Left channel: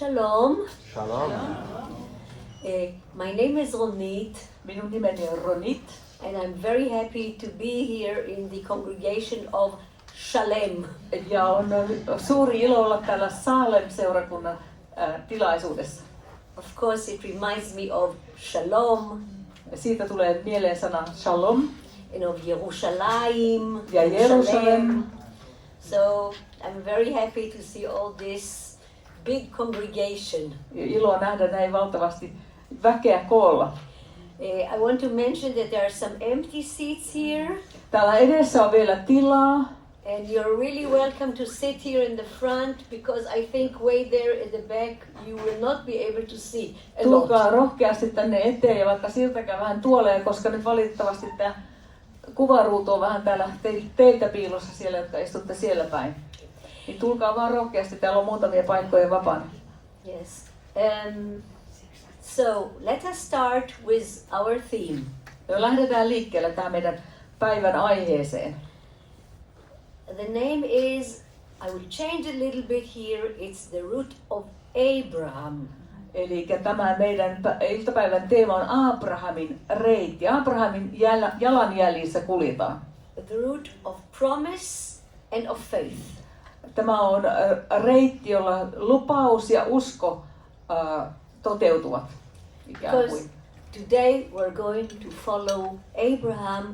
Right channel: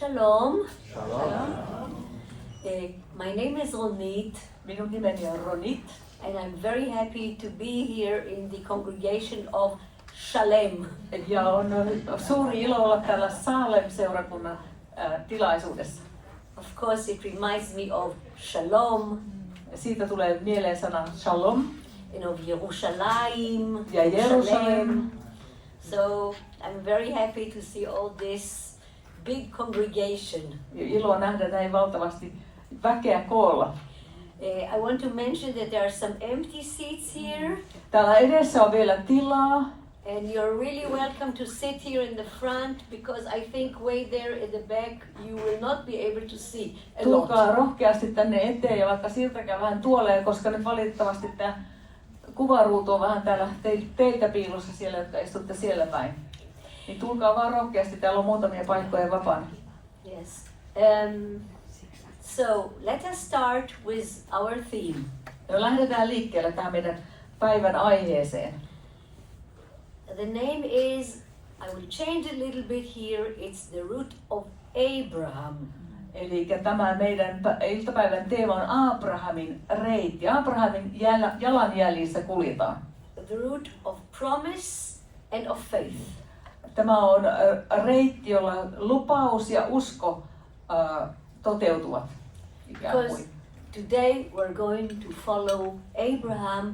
Shalom. Shalom. My name is Ronit. Minun nimeni on Ronit. And I'm very happy to be here in the congregation of Shalem. Ja on suuri ilo olla täällä Saalem-seurakunnan tilaisuudessa. Of course, it reminds me of Shalom. Siitä tulee mieleen sana Shalom. And of Jerusalem. Ja Jerusalem. So I'm very happy to see all this big congregation. Ilo nähdä näin valtavasti väkeä koolla. I want to mention that there are some empty seats here. Täällä edessä on vielä tilaa. And you're really welcome to sit here in the front because I think way there in the back you will not be able to see a Tulkaa lot. rohkeasti tänne eteen ja vaikka siltäkään vähän tuoleen, koska nyt valitettavasti tämä kuvaruutu on vähän täällä teiltä piilossa siellä, jotka istutte siellä päin. Niin tulkaa vaan rohkeasti, täällä on muutamia paikkoja vapaana. Yes. So let us start with our theme. Ja lähdetään liikkeelle tähän meidän päivän aiheeseen. The name is, I will change a little bit here, it's the root of Abraham. Eli tämä meidän iltapäivän teema on Aabrahamin reitti. Aabrahamin jalanjäljissä kuljetaan. The root of promise and of faith. Tämä on reitti, jolla lupaus ja usko toteutuvat. Because today we're going to follow Abraham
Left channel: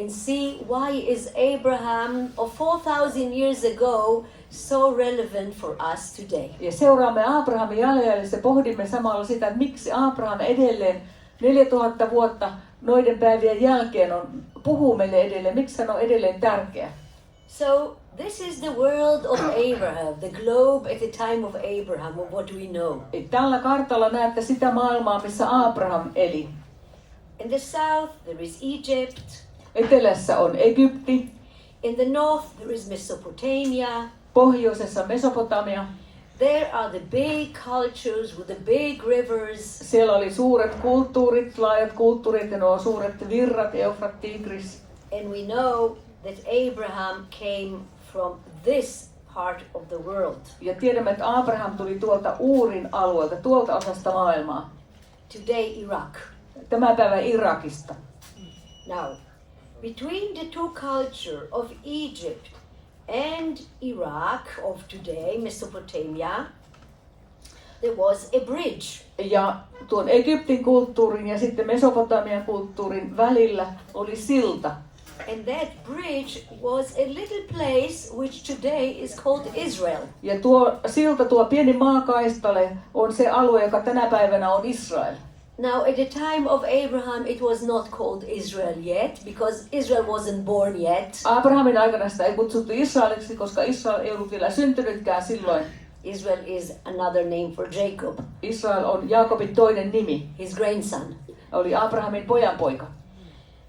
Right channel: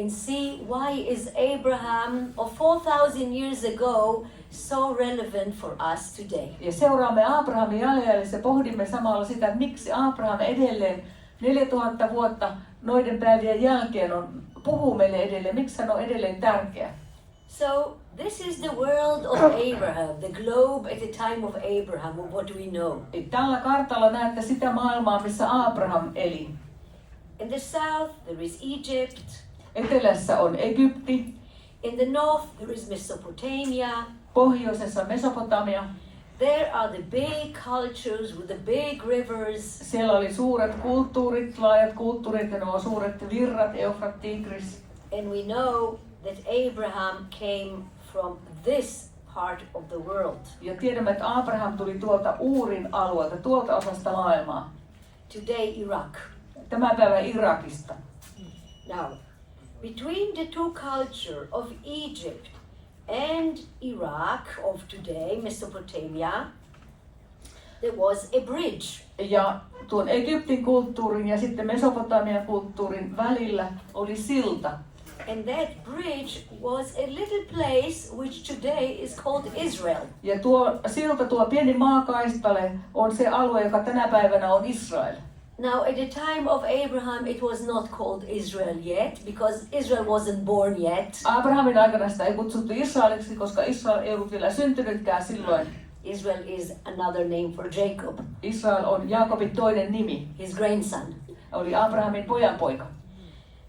and see why is Abraham of 4,000 years ago so relevant for us today. Ja seuraamme Aabrahamin jalanjäljissä, pohdimme samalla sitä, että miksi Aabraham edelleen 4000 vuotta noiden päivien jälkeen puhuu meille edelleen, miksi hän on edelleen tärkeä. So this is the world of Abraham, the globe at the time of Abraham, and what do we know? Tällä kartalla näette sitä maailmaa, missä Aabraham eli. In the south there is Egypt. Etelässä on Egypti. In the north there is Mesopotamia. Pohjoisessa Mesopotamia. There are the big cultures with the big rivers. Siellä oli suuret kulttuurit, laajat kulttuurit ja nuo suuret virrat, Eufrat, Tigris. And we know that Abraham came from this part of the world. Ja tiedämme, että Abraham tuli tuolta Uurin alueelta, tuolta osasta maailmaa. Today Iraq. Tämän päivän Irakista. Now, between the two culture of Egypt and Iraq of today, Mesopotamia, there was a bridge. Ja tuon Egyptin kulttuurin ja sitten Mesopotamian kulttuurin välillä oli silta. And that bridge was a little place which today is called Israel. Ja tuo silta, tuo pieni maakaistale on se alue, joka tänä päivänä on Israel. Now, at the time of Abraham, it was not called Israel yet, because Israel wasn't born yet. Abrahamin aikana sitä ei kutsuttu Israeliksi, koska Israel ei ollut vielä syntynytkään silloin. Israel is another name for Jacob, Israel on Jaakobin toinen nimi. his grandson. Oli Abrahamin pojanpoika.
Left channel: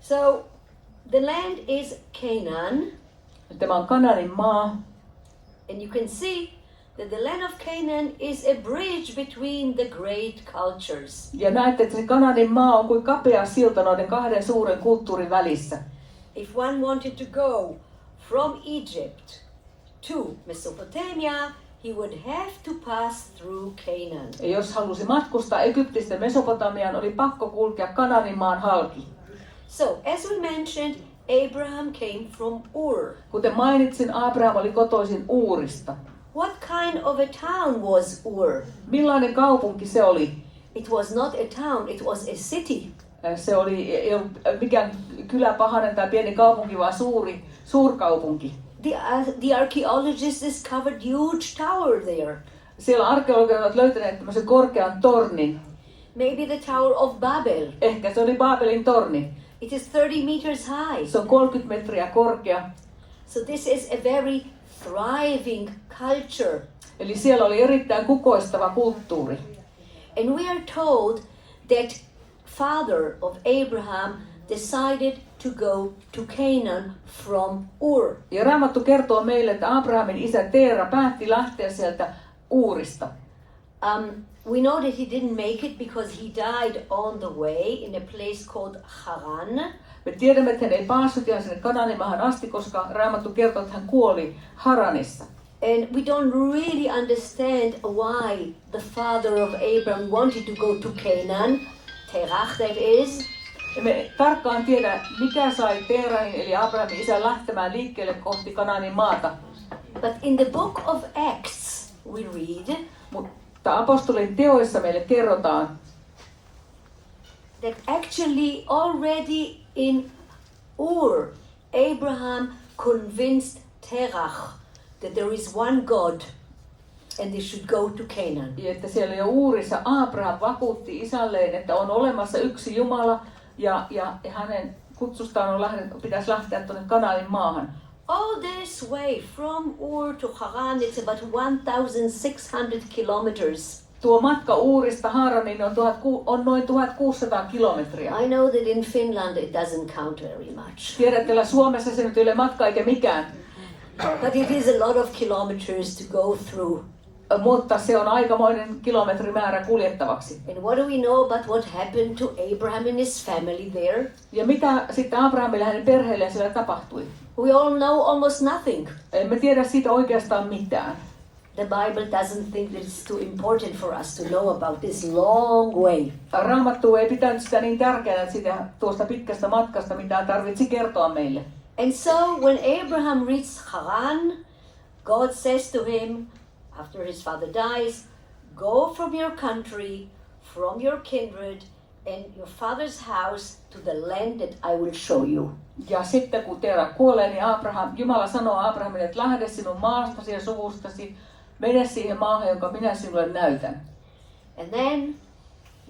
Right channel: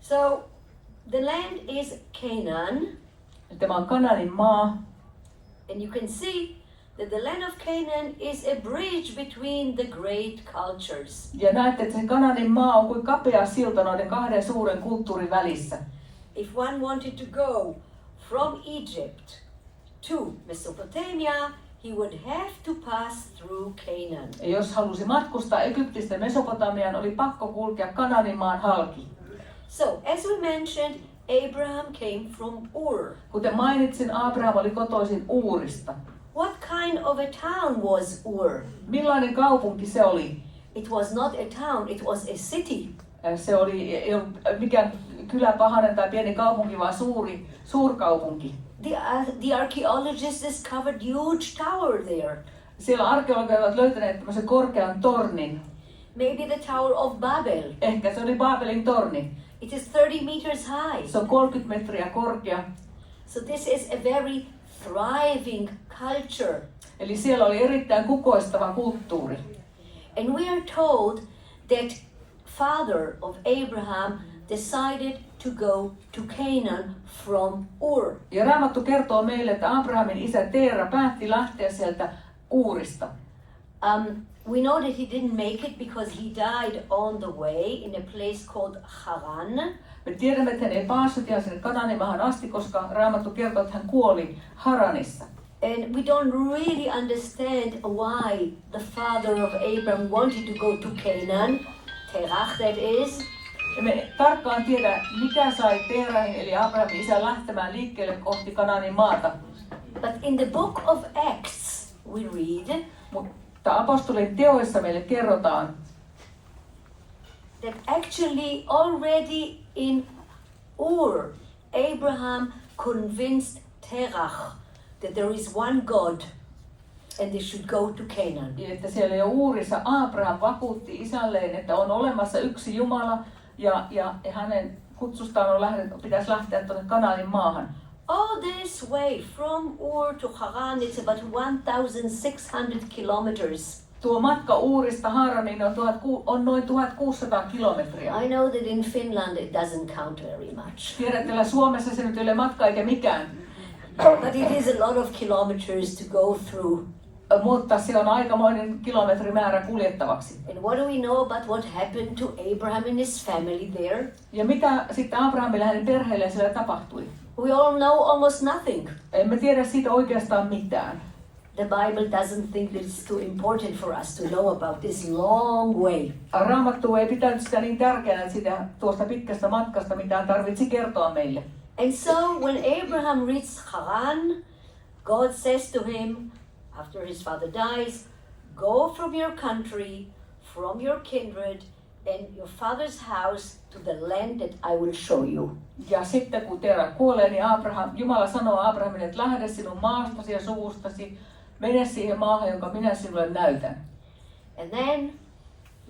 So, the land is Canaan, Tämä on Kanaanin maa. and you can see that the land of Canaan is a bridge between the great cultures. Ja näette, että se Kanaanin maa on kuin kapea silta noiden kahden suuren kulttuurin välissä. If one wanted to go from Egypt to Mesopotamia, he would have to pass through Canaan. Ja jos halusi matkustaa Egyptistä Mesopotamiaan, oli pakko kulkea Kanaanin maan halki. So, as we mentioned, Abraham came from Ur. Kuten mainitsin, Abraham oli kotoisin Uurista. What kind of a town was Ur? Millainen kaupunki se oli? It was not a town, it was a city. Se ei ollut mikään kyläpahanen tai pieni kaupunki, vaan suurkaupunki. The archaeologists discovered huge tower there. Siellä arkeologit ovat löytäneet tämmöisen korkean tornin. Maybe the Tower of Babel. Ehkä se oli Baabelin torni. It is 30 meters high. Se on 30 metriä korkea. So this is a very thriving culture. Eli siellä oli erittäin kukoistava kulttuuri. And we are told that father of Abraham decided to go to Canaan from Ur. Ja Raamattu kertoo meille, että Abrahamin isä Teera päätti lähteä sieltä Uurista. We know that he didn't make it because he died on the way in a place called Haran. Me tiedämme, että hän ei päässyt ihan sinne Kanaanin maahan asti, koska Raamattu kertoo, että hän kuoli Haranissa. And we don't really understand why the father of Abraham wanted to go to Canaan, Terach that is. Me tarkkaan tiedä, mikä sai Terahin eli Abrahamin isän lähtemään liikkeelle kohti Kanaanin maata. But in the book of Acts we read, mutta apostolien teoissa meille kerrotaan, that actually already in Ur, Abraham convinced Terach that there is one God and they should go to Canaan. Että siellä jo Uurissa Aabraham vakuutti isälleen, että on olemassa yksi Jumala ja hänen kutsustaan pitäisi lähteä tuonne Kanaanin maahan. All this way from Ur to Haran, it's about 1,600 kilometers. Tuo matka Uurista Haraniin on noin 1600 kilometriä. I know that in Finland it doesn't count very much. Tiedätte, Suomessa se nyt ei ole matka eikä mikään. But it is a lot of kilometers to go through. Mutta se on aikamoinen kilometrimäärä kuljettavaksi. And what do we know about what happened to Abraham and his family there? Ja mitä sitten Abrahamille ja hänen perheelleen siellä tapahtui? We all know almost nothing. Emme tiedä siitä oikeastaan mitään. The Bible doesn't think that it's too important for us to know about this long way. Raamattu ei pitänyt sitä niin tärkeänä siitä tuosta pitkästä matkasta, mitä tarvitsi kertoa meille. And so when Abraham reached Haran, God says to him, after his father dies, go from your country, from your kindred, and your father's house to the land that I will show you. Ja sitten kun Tera kuolee, niin Jumala sanoo Abrahamille, että lähde sinun maastasi ja suvustasi, mene siihen maahan, jonka minä sinulle näytän. And then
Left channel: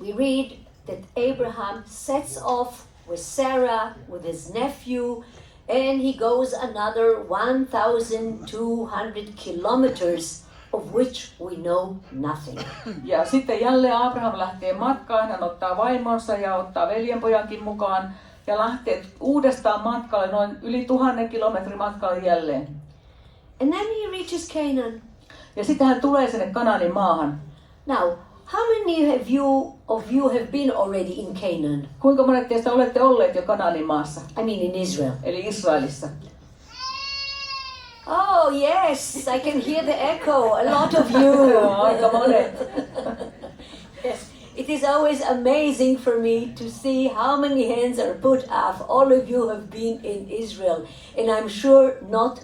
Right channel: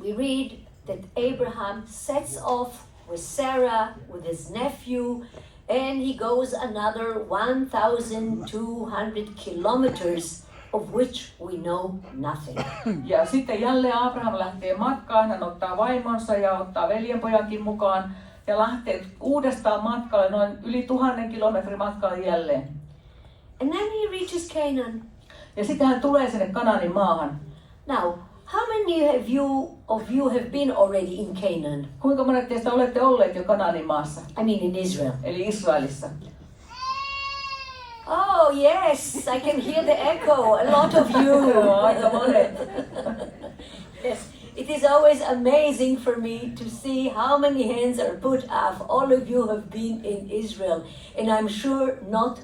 we read that Abraham sets off with Sarah, with his nephew, and he goes another 1,200 kilometers, of which we know nothing. Ja sitten jälleen Abraham lähtee matkaan, hän ottaa vaimonsa ja ottaa veljenpojankin mukaan ja lähtee uudestaan matkalle, noin yli 1000 kilometrin matkalle jälleen. And then he reaches Canaan. Ja sitten hän tulee sinne Kanaanin maahan. Now, how many of you have been already in Canaan? Kuinka monet teistä olette olleet jo Kanaanin maassa? I mean in Israel. Eli Israelissa. Oh yes, I can hear the echo. A lot of you. Aika monet. Yes, it is always amazing for me to see how many hands are put up. All of you have been in Israel, and I'm sure not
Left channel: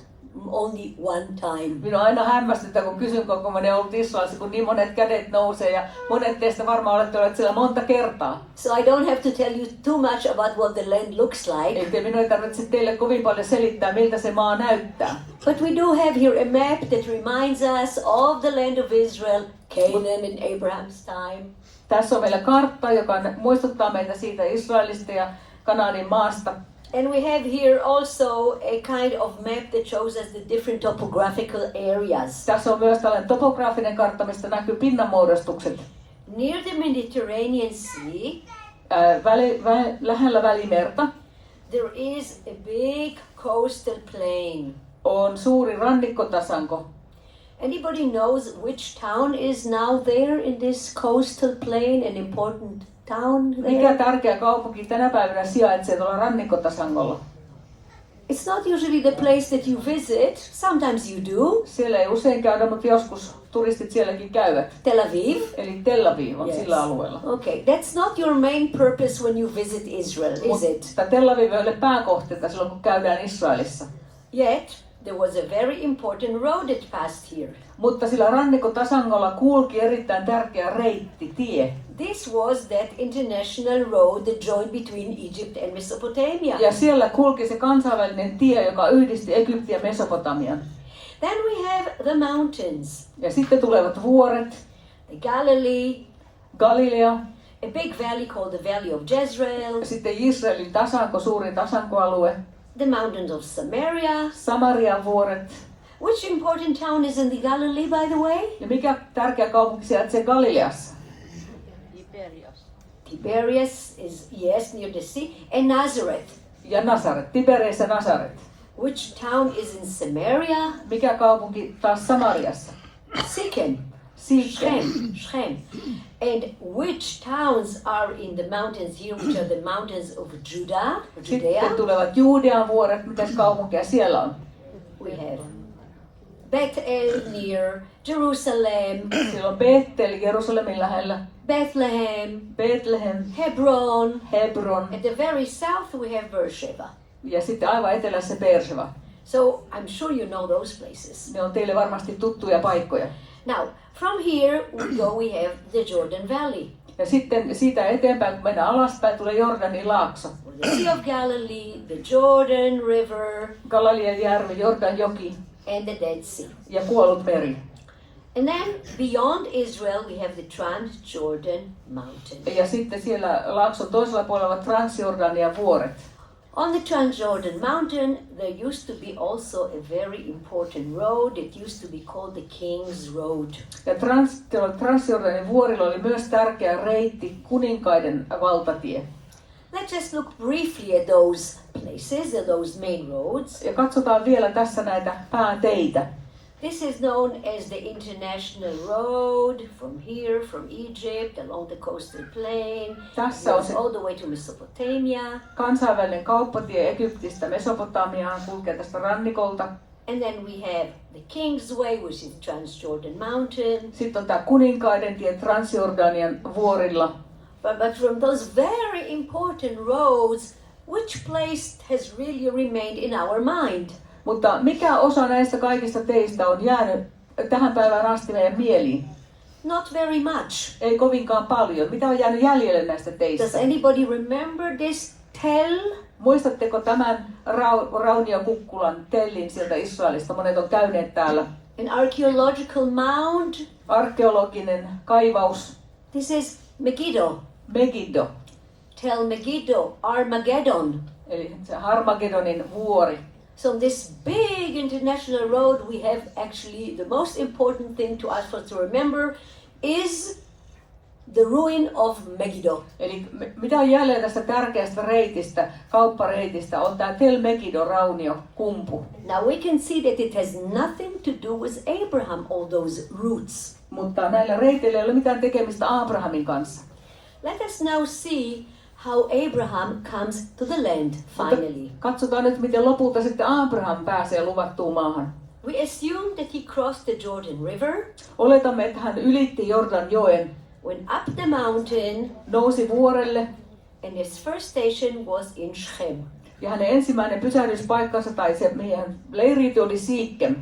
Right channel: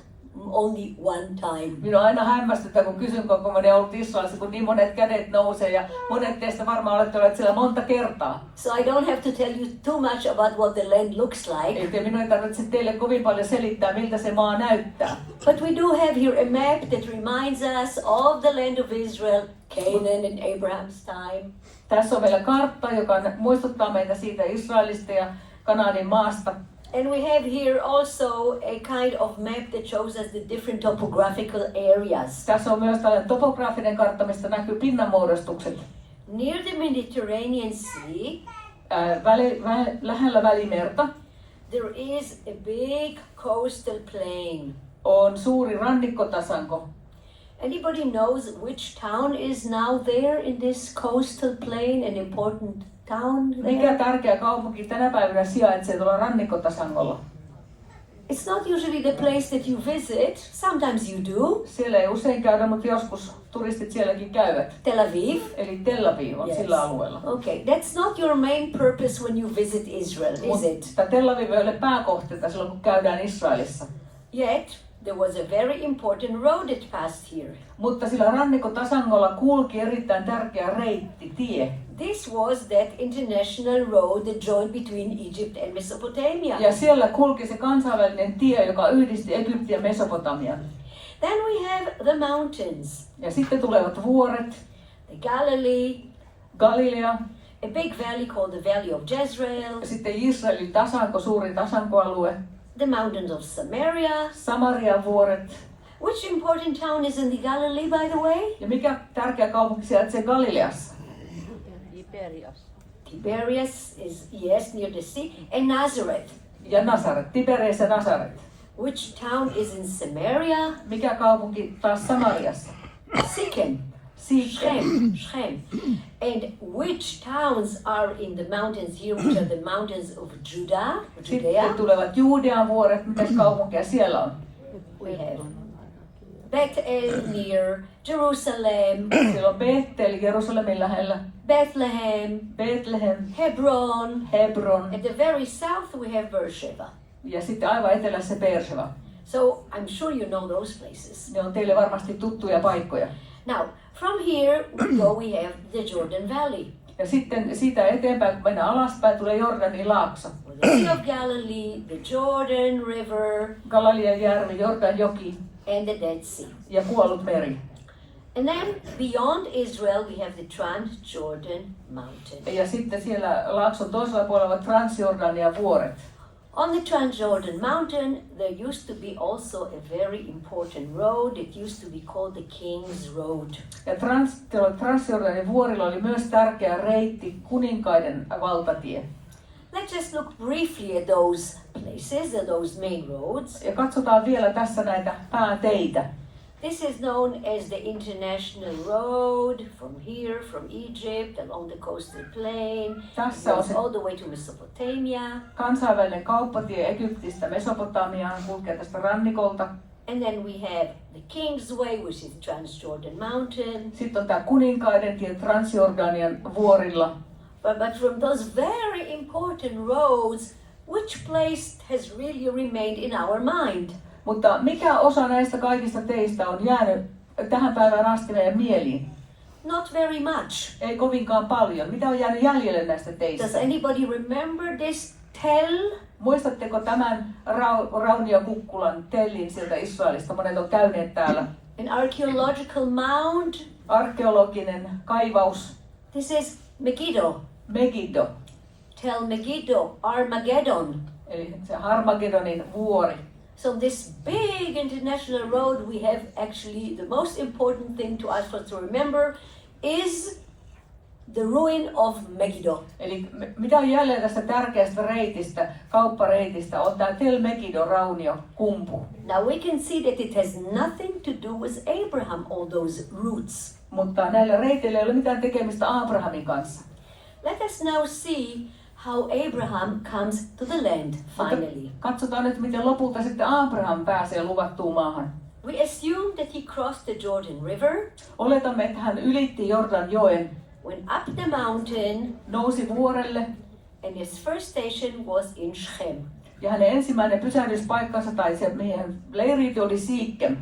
only one time. Minua aina hämmästyttää, kun kysyn, kuinka monet ollut Israelissa, kun niin monet kädet nousee ja monet teistä varmaan olette olleet siellä monta kertaa. So I don't have to tell you too much about what the land looks like. Eikä minun ei tarvitse teille kovin paljon selittää, miltä se maa näyttää. But we do have here a map that reminds us of the land of Israel, Canaan in Abraham's time. Tässä on meillä kartta, joka muistuttaa meitä siitä Israelista ja Kanaanin maasta. And we have here also a kind of map that shows us the different topographical areas. Tässä on myös tällainen topograafinen kartta, mistä näkyy pinnanmuodostukset. Near the Mediterranean Sea, lähellä Välimerta there is a big coastal plain. on suuri rannikkotasanko. Anybody knows which town is now there in this coastal plain, an important town there? Mikä tärkeä kaupunki tänä päivänä sijaitsee tuolla rannikkotasangolla? It's not usually the place that you visit. Sometimes you do. Siellä ei usein käydä, mutta joskus turistit sielläkin käyvät. Tel Aviv. Eli Tel Aviv on sillä alueella. Okay, that's not your main purpose when you visit Israel, is it? Mutta Tel Aviv ei ole pääkohteita silloin, kun käydään Israelissa. Yet, there was a very important road that passed here. Mutta sillä rannikkotasangolla kulki erittäin tärkeä reitti, tie. This was that international road that joined between Egypt and Mesopotamia. Ja siellä kulki se kansainvälinen tie, joka yhdisti Egyptin ja Mesopotamian. Then we have the mountains. Ja sitten tulevat vuoret, The Galilee, Galilea, a big valley called the Valley of Jezreel, ja sitten Israelin tasanko, suurin tasankoalue, the mountains of Samaria. Samarian vuoret. Which important town is in the Galilee, by the way? Ja mikä tärkeä kaupunki sijaitsee Galileassa? Tiberias is, yes, near the sea. And Nazareth. Ja Nasaret, Tiberias ja Nasaret. Which town is in Samaria? Mikä kaupunki taas Samariassa? Sychem. Sichem. Shem. And which towns are in the mountains here, which are the mountains of Judah? Sitten Judea? tulevat Juudean vuoret, mitäs kaupunkeja siellä on? We have Bethel near Jerusalem, Siellä on Bethel Jerusalemin lähellä, Bethlehem, Hebron, Hebron at the very south we have Beersheba. ja sitten aivan etelässä Beersheba. So I'm sure you know those places. Ne on teille varmasti tuttuja paikkoja. Now, from here we have the Jordan Valley. Ja sitten siitä eteenpäin, kun mennään alaspäin, tulee Jordanin laakso. The Sea of Galilee, the Jordan River, Galilean järvi, Jordan joki and the Dead Sea. ja kuollut meri. And then beyond Israel we have the Transjordan Mountain. Ja sitten siellä laakson toisella puolella ovat Transjordanian vuoret. On the Transjordan Mountain there used to be also a very important road. It used to be called the King's Road. Ja Transjordanin vuorilla oli myös tärkeä reitti, kuninkaiden valtatie. Let's just look briefly at those places and those main roads. Ja katsotaan vielä tässä näitä pääteitä. This is known as the International Road from here, from Egypt, along the coastal plain, Tässä on se all the way to Mesopotamia. kansainvälinen kauppatie Egyptistä Mesopotamiaan, kulkee tästä rannikolta. And then we have the King's Way, which is Transjordan Mountain. Sitten on tämä kuninkaiden tie Transjordanian vuorilla. But from those very important roads, which place has really remained in our mind? Mutta mikä osa näistä kaikista teistä on jäänyt tähän päivään asti meidän mieliin? Not very much. Ei kovinkaan paljon. Mitä on jäänyt jäljelle näistä Does teistä? anybody remember this tell? Muistatteko tämän rauniokukkulan tellin sieltä Israelista? Monet on käyneet täällä. An archaeological mound? Arkeologinen kaivaus. This is Megiddo. Megiddo, Tell Megiddo, Armageddon. eli se Armagedonin vuori. So on this big international road we have actually the most important thing to us to remember is the ruin of Megiddo. Eli mitä on jäljellä tästä tärkeästä reitistä, kauppareitistä, on tämä Tel Megiddo rauniokumpu. Now we can see that it has nothing to do with Abraham, all those roots. Mutta näillä reiteillä ei ole mitään tekemistä Aabrahamin kanssa. Let us now see how Abraham comes to the land finally. Katsotaan nyt, miten lopulta sitten Aabraham pääsee luvattuun maahan. We assume that he crossed the Jordan River, Oletamme, että hän ylitti Jordan joen, went up the mountain, nousi vuorelle and his first station was in Shechem. ja hänen ensimmäinen pysähdyspaikkansa tai se meidän leiriyty oli Siikkem.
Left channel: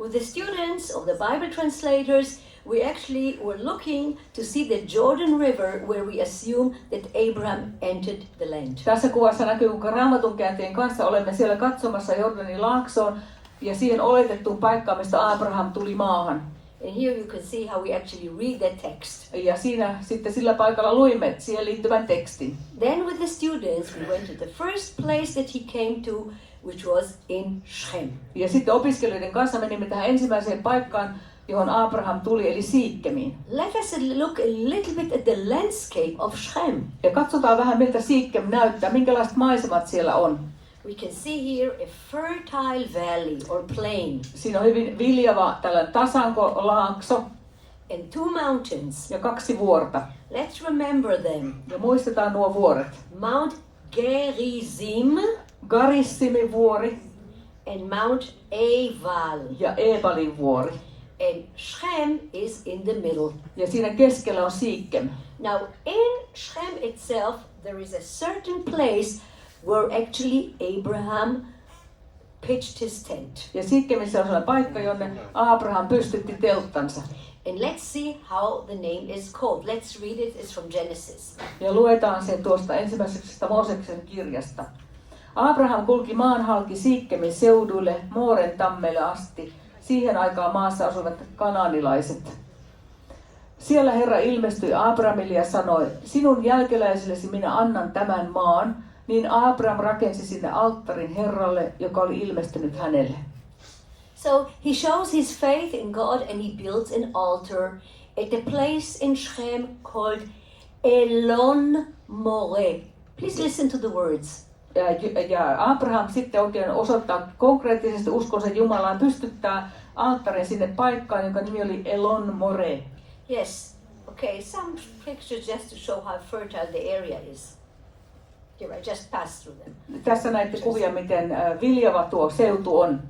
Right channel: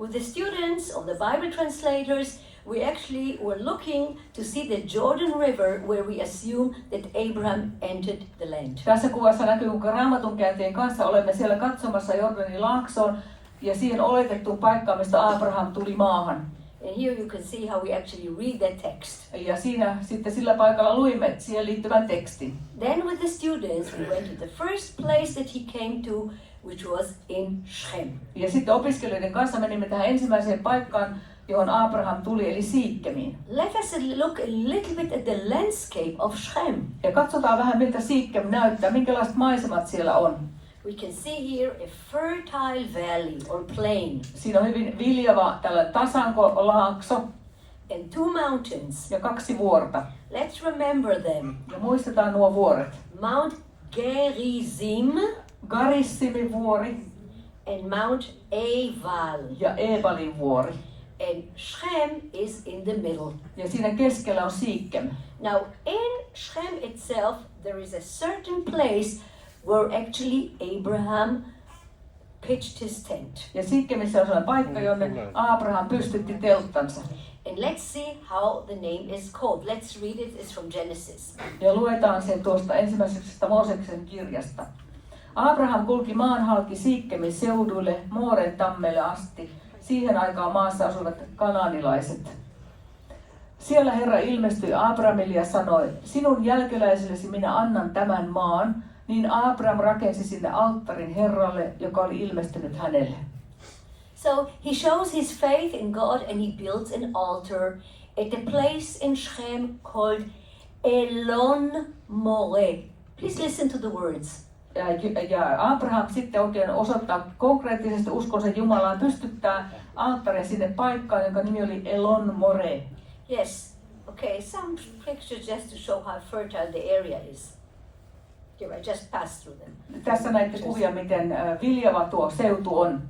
With the students of the Bible translators, we actually were looking to see the Jordan River where we assume that Abraham entered the land. Tässä kuvassa näkyy, kuinka Raamatun käänteen kanssa olemme siellä katsomassa Jordanin laaksoon ja siihen oletettuun paikkaan, mistä Abraham tuli maahan. And here you can see how we actually read the text. Ja siinä sitten sillä paikalla luimme siihen liittyvän tekstin. Then with the students, we went to the first place that he came to, which was in Shechem. Ja sitten opiskelijoiden kanssa menimme tähän ensimmäiseen paikkaan, johon Abraham tuli, eli Siikkemiin. Let us look a little bit at the landscape of Shechem. Ja katsotaan vähän, miltä Siikkem näyttää, minkälaiset maisemat siellä on. We can see here a fertile valley or plain Siinä on hyvin viljava tällainen tasankolaakso and two mountains. ja 2 vuorta. Let's remember them. Ja muistetaan nuo vuoret. Mount Gerizim Garissimin vuori and Mount Ebal. ja Ebalin vuori. And Shechem is in the middle. Ja siinä keskellä on Siikkem. Now in Shechem itself there is a certain place where actually Abraham pitched his tent. Ja Siikkemissä on sellainen paikka, jonne Abraham pystytti telttansa. And let's see how the name is called. Let's read it. It's from Genesis. Ja luetaan sen tuosta ensimmäisestä Mooseksen kirjasta. Abraham kulki maan halki Siikkemin seudulle Mooren tammelle asti. Siihen aikaan maassa asuvat kanaanilaiset. Siellä Herra ilmestyi Abrahamille ja sanoi, sinun jälkeläisillesi minä annan tämän maan. Niin Abraham rakensi sinne alttarin Herralle, joka oli ilmestynyt hänelle. So he shows his faith in God and he builds an altar at the place in Shechem called Elon More. Please listen to the words. Ja Abraham sitten oikein osoittaa konkreettisesti uskonsa Jumalaan, pystyttää alttarin sinne paikkaan, jonka nimi oli Elon More. Yes. Okay, some pictures just to show how fertile the area is. Here, I just passed through them. Tässä näette kuvia, miten viljava tuo seutu on.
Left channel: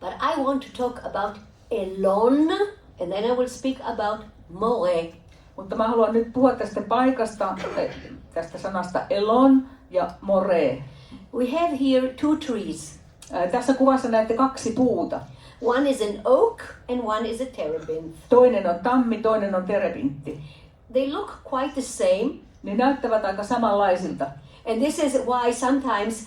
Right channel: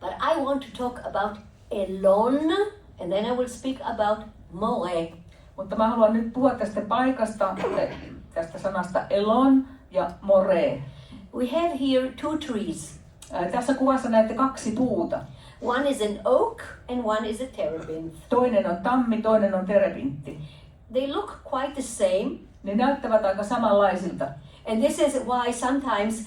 But I want to talk about Elon, and then I will speak about more. Mutta mä haluan nyt puhua tästä paikasta, tästä sanasta elon ja more. We have here two trees. Tässä kuvassa näette kaksi puuta. One is an oak and one is a terebinth. Toinen on tammi, toinen on terebintti. They look quite the same. Ne näyttävät aika samanlaisilta. And this is why sometimes